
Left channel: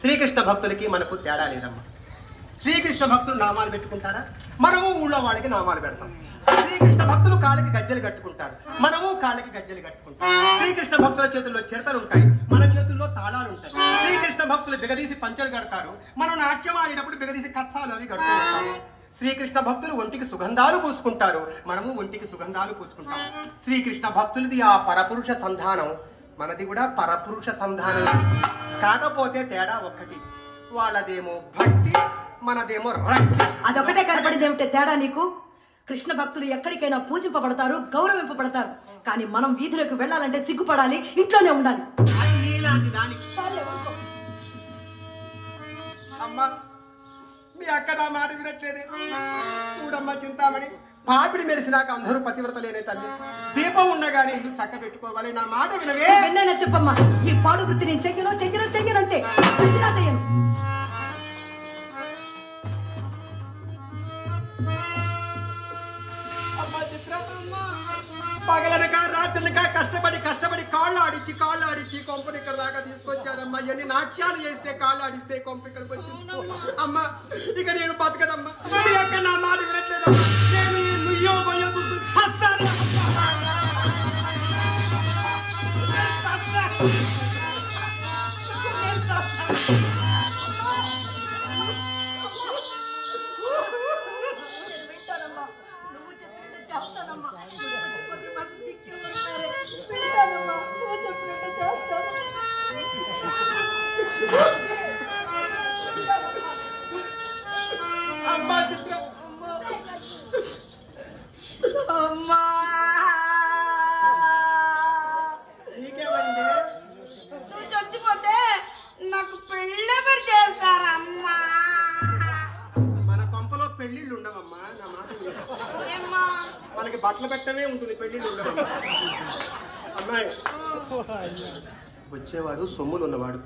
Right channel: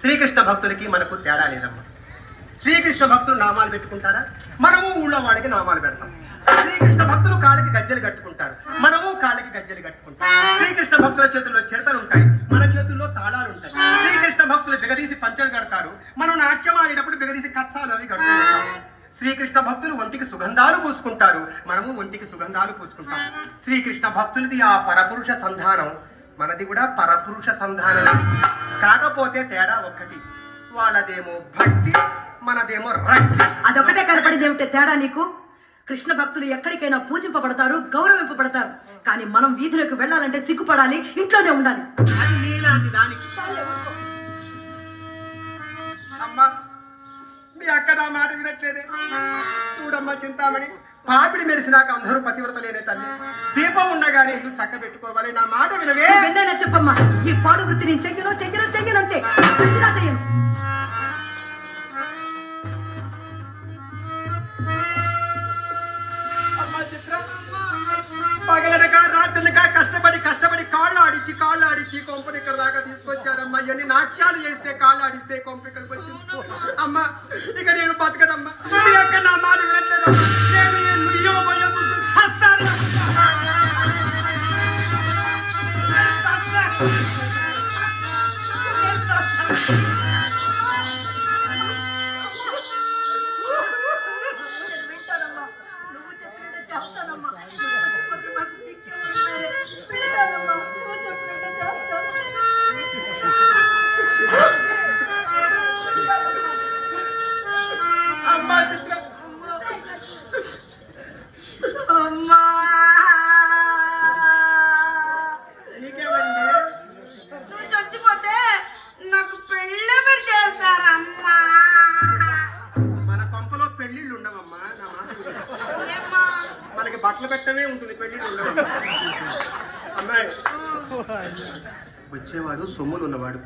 శ్రీకృష్ణ భక్తులకి మనకు తేడా లేదమ్మా. శ్రీకృష్ణ భక్తులు నామాలు పెట్టుకుంటారా? మనము ఊళ్ళో వాళ్ళకి నామాలు పెడతాం. శ్రీకృష్ణ భక్తులు కాళ్ళకి గజ్జలు కట్టుకుంటారు, మనము కాళ్ళకి గజ్జలు కట్టుకుంటాం. శ్రీకృష్ణ భక్తుల చేతుల్లో చిరతలు ఉంటాయి, మన చేతుల్లో తాళాలు ఉంటాయి. శ్రీకృష్ణ భక్తులు బిగదీసి పంచలు కడతారు, మనం నాట్యం ఆడేటప్పుడు బిగదీసి కచ్చాలు అవి కడుతుంటాం. శ్రీకృష్ణ భక్తులు ఒంటికి సుగంధాలు పూసుకుంటారు, మనము ఒంటికి సుగంధాలు పూసుకుంటాం. శ్రీకృష్ణ భక్తులది ఆ పరపురుష సంధానం, మనది కూడా పరపురుష సంధానం. కాకపోతే తేడా ఒక్కటి, వాళ్ళదేమో భక్తి, మనదేమో రక్తి. అదొకటే కనపడింది ఏమిటే తేడా నీకు? కృష్ణ భక్తులు ఎక్కడికైనా పూజింపబడతారు, గౌరవింపబడతారు. కానీ మనం వీధులకు వెళ్ళాలంటే సిగ్గుపడాలి, ఇంట్లోనే ఉండాలి. అది నీలాంటి దానికి. అమ్మా మీ అక్క నా మాట వినట్లేదే. చూడమ్మా చింతామణి, పాపిడి మెరిసినాక అందరూ పతివ్రతలేనే తల్లి. దీపం ఉండగానే ఇల్లు చక్క పెట్టుకోవాలి. నా మాట వినవే. విన్నానా చెప్పమ్మా, ఈ పాడు వృత్తి నేను చెయ్యనంతే, చచ్చినా చెయ్యను. అమ్మా చిత్ర, పగలనక రాత్రినక కష్టపడి కాళ్ళు ఆడిచి కొంపని ఇక్కడ దాకా తీసుకొచ్చారమ్మా. ఎన్ని నాట్యాలు చేస్తే కాళ్ళు ఆడిస్తే కొంప ఇక్కడికి వచ్చింది. అమ్మా ఇక నేను బతకదమ్మా. మీ అక్క నా మాట వినట్లేదమ్మా. నేను నుయ్యో భయం చూస్తూ చస్తాను. అమ్మా చిత్ర, అమ్మా నీకేమండి? నువ్వు చచ్చిపోతే నాకు పెళ్ళి మీరు చేస్తారమ్మా. మన కొంపలో పెళ్లిళ్ళు ఉండవమ్మా. నా మాట విను. ఏమ్మా? మనకి బట్టలు పెట్టమే ఉంటుంది, పెళ్లిళ్ళు ఉండవమ్మా. అమ్మాయి, వచ్చేవాడు సొమ్ములు ఉన్నవాడు.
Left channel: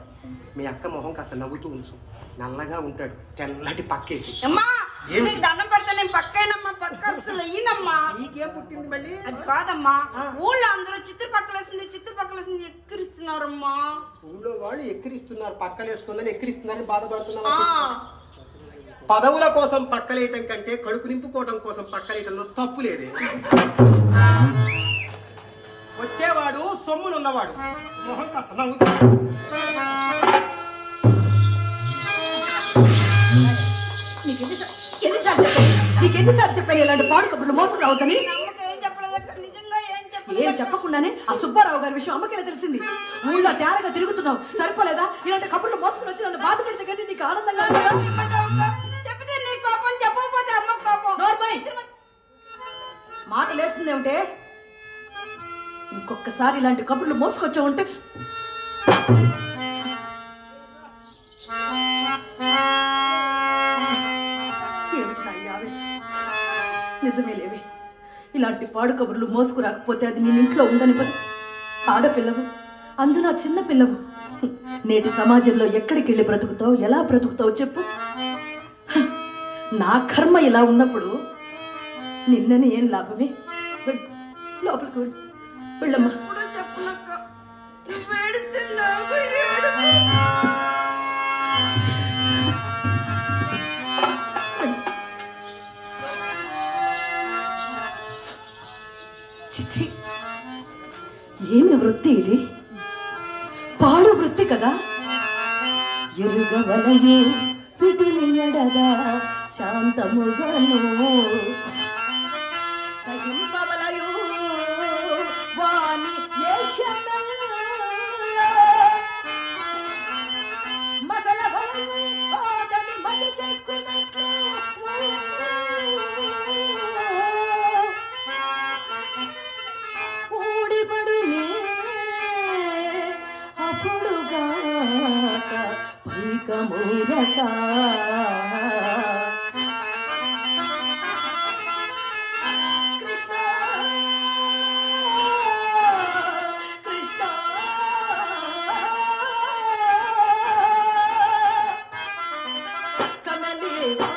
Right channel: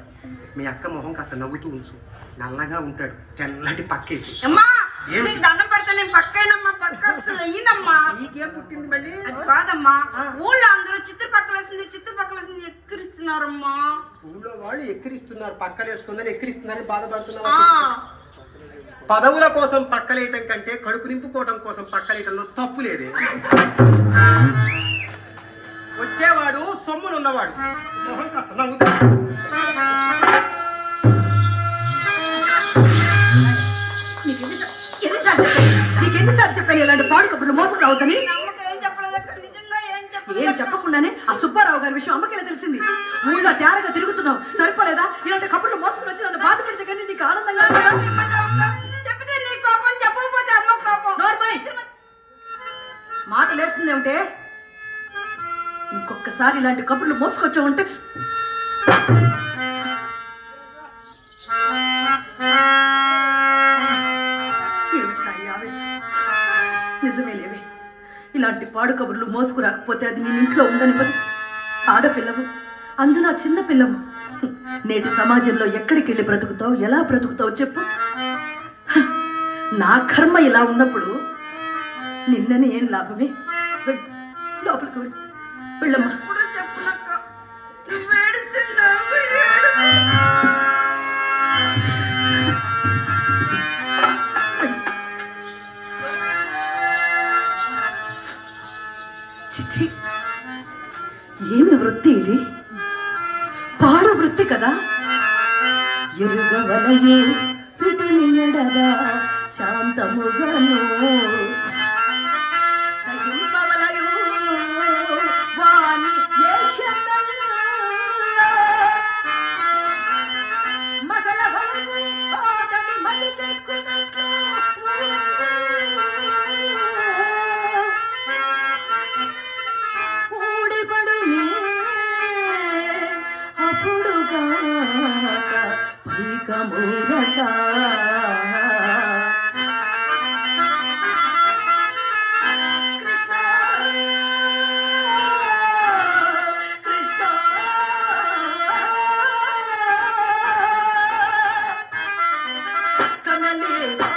మీ అక్క మొహం కాస్త నవ్వుతూ ఉంచు. నల్లగా ఉంటాడు, తెల్లటి పక్కేసి. అమ్మా ఏం? నీకు దండం పెడతా, నేను పక్కనమ్మా, పక్క అసలు అయ్యినమ్మా. నీకేం పుట్టింది మళ్ళీ? అది కాదమ్మా, ఊళ్ళో అందరూ చిత్రపక్కలేసింది ఎక్కిరిస్తున్నారమ్మా. ఊళ్ళో వాళ్ళు ఎక్కిరిస్తున్నారు, పక్కలేస్తుందని ఎక్కిరిస్తుందని ఆ, బాధపడుతున్నారు. పదవుల కోసం పక్కలేయటం కంటే కడుపు నింపుకోవడం కోసం పక్కలేయటంలో తప్పు లేదే. వచ్చేవాడు సొమ్ములు ఉన్నవాడు, మొహం కాస్త నవ్వుతాడు. నీకెన్నిసార్లు చెప్పాను ఇలాంటి పాడు కబుర్లు మోసం రావద్దని? నమ్మకం ఏం చెప్పలేదు నేను చెప్పకుండానే ఆ సుబ్బారావు గారి విషయం అమ్మకి తెలిసింది. ఊళ్ళో తేరగా తిరుగుతున్నావు సరిపోలేదా? ఇలాంటి కబుర్లు మోసుకుని వచ్చి నన్ను బాధ పెడితే కానీ నీకు ఆనందంగా చెప్తే నీ కోపం, చెప్పకపోతే అమ్మ కోపం. మాట లేస్తుంది ఏమిటే? ఇంకొకసారి ఇలాంటి కబుర్లు మోసుకొచ్చావంటే నిజమే లేవే. ఇలాంటి పాడు కబుర్లు మోసుకురాకపోతే అది నేను ఇంట్లో ఉండనివ్వదు. ఆడపిల్లవు, అందున చిన్న పిల్లవు. నేటి సమాజంలో ఎక్కడికి వెళ్ళి బ్రతుకుతావు, ఎలా బ్రతుకుతావు చెప్పు? నా కర్మ ఇలా ఉన్నప్పుడు నిన్నని ఏం లాభమే? లోపలికి వెళ్ళు, వెళ్ళమ్మా. చిచి, ఏమి వృత్తి ఇది? పాడు వృత్తి కదా. ఎరుగవలయు పిటిని ఎడగా శాంతముగను సహింపవలయు వాని మసలవలయు ఓటమి మదికెక్కునట్లు అప్పుడుగాక పైకమూరక కృష్ణ కృష్ణ కనలేవా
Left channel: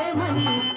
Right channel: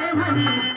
ఏమని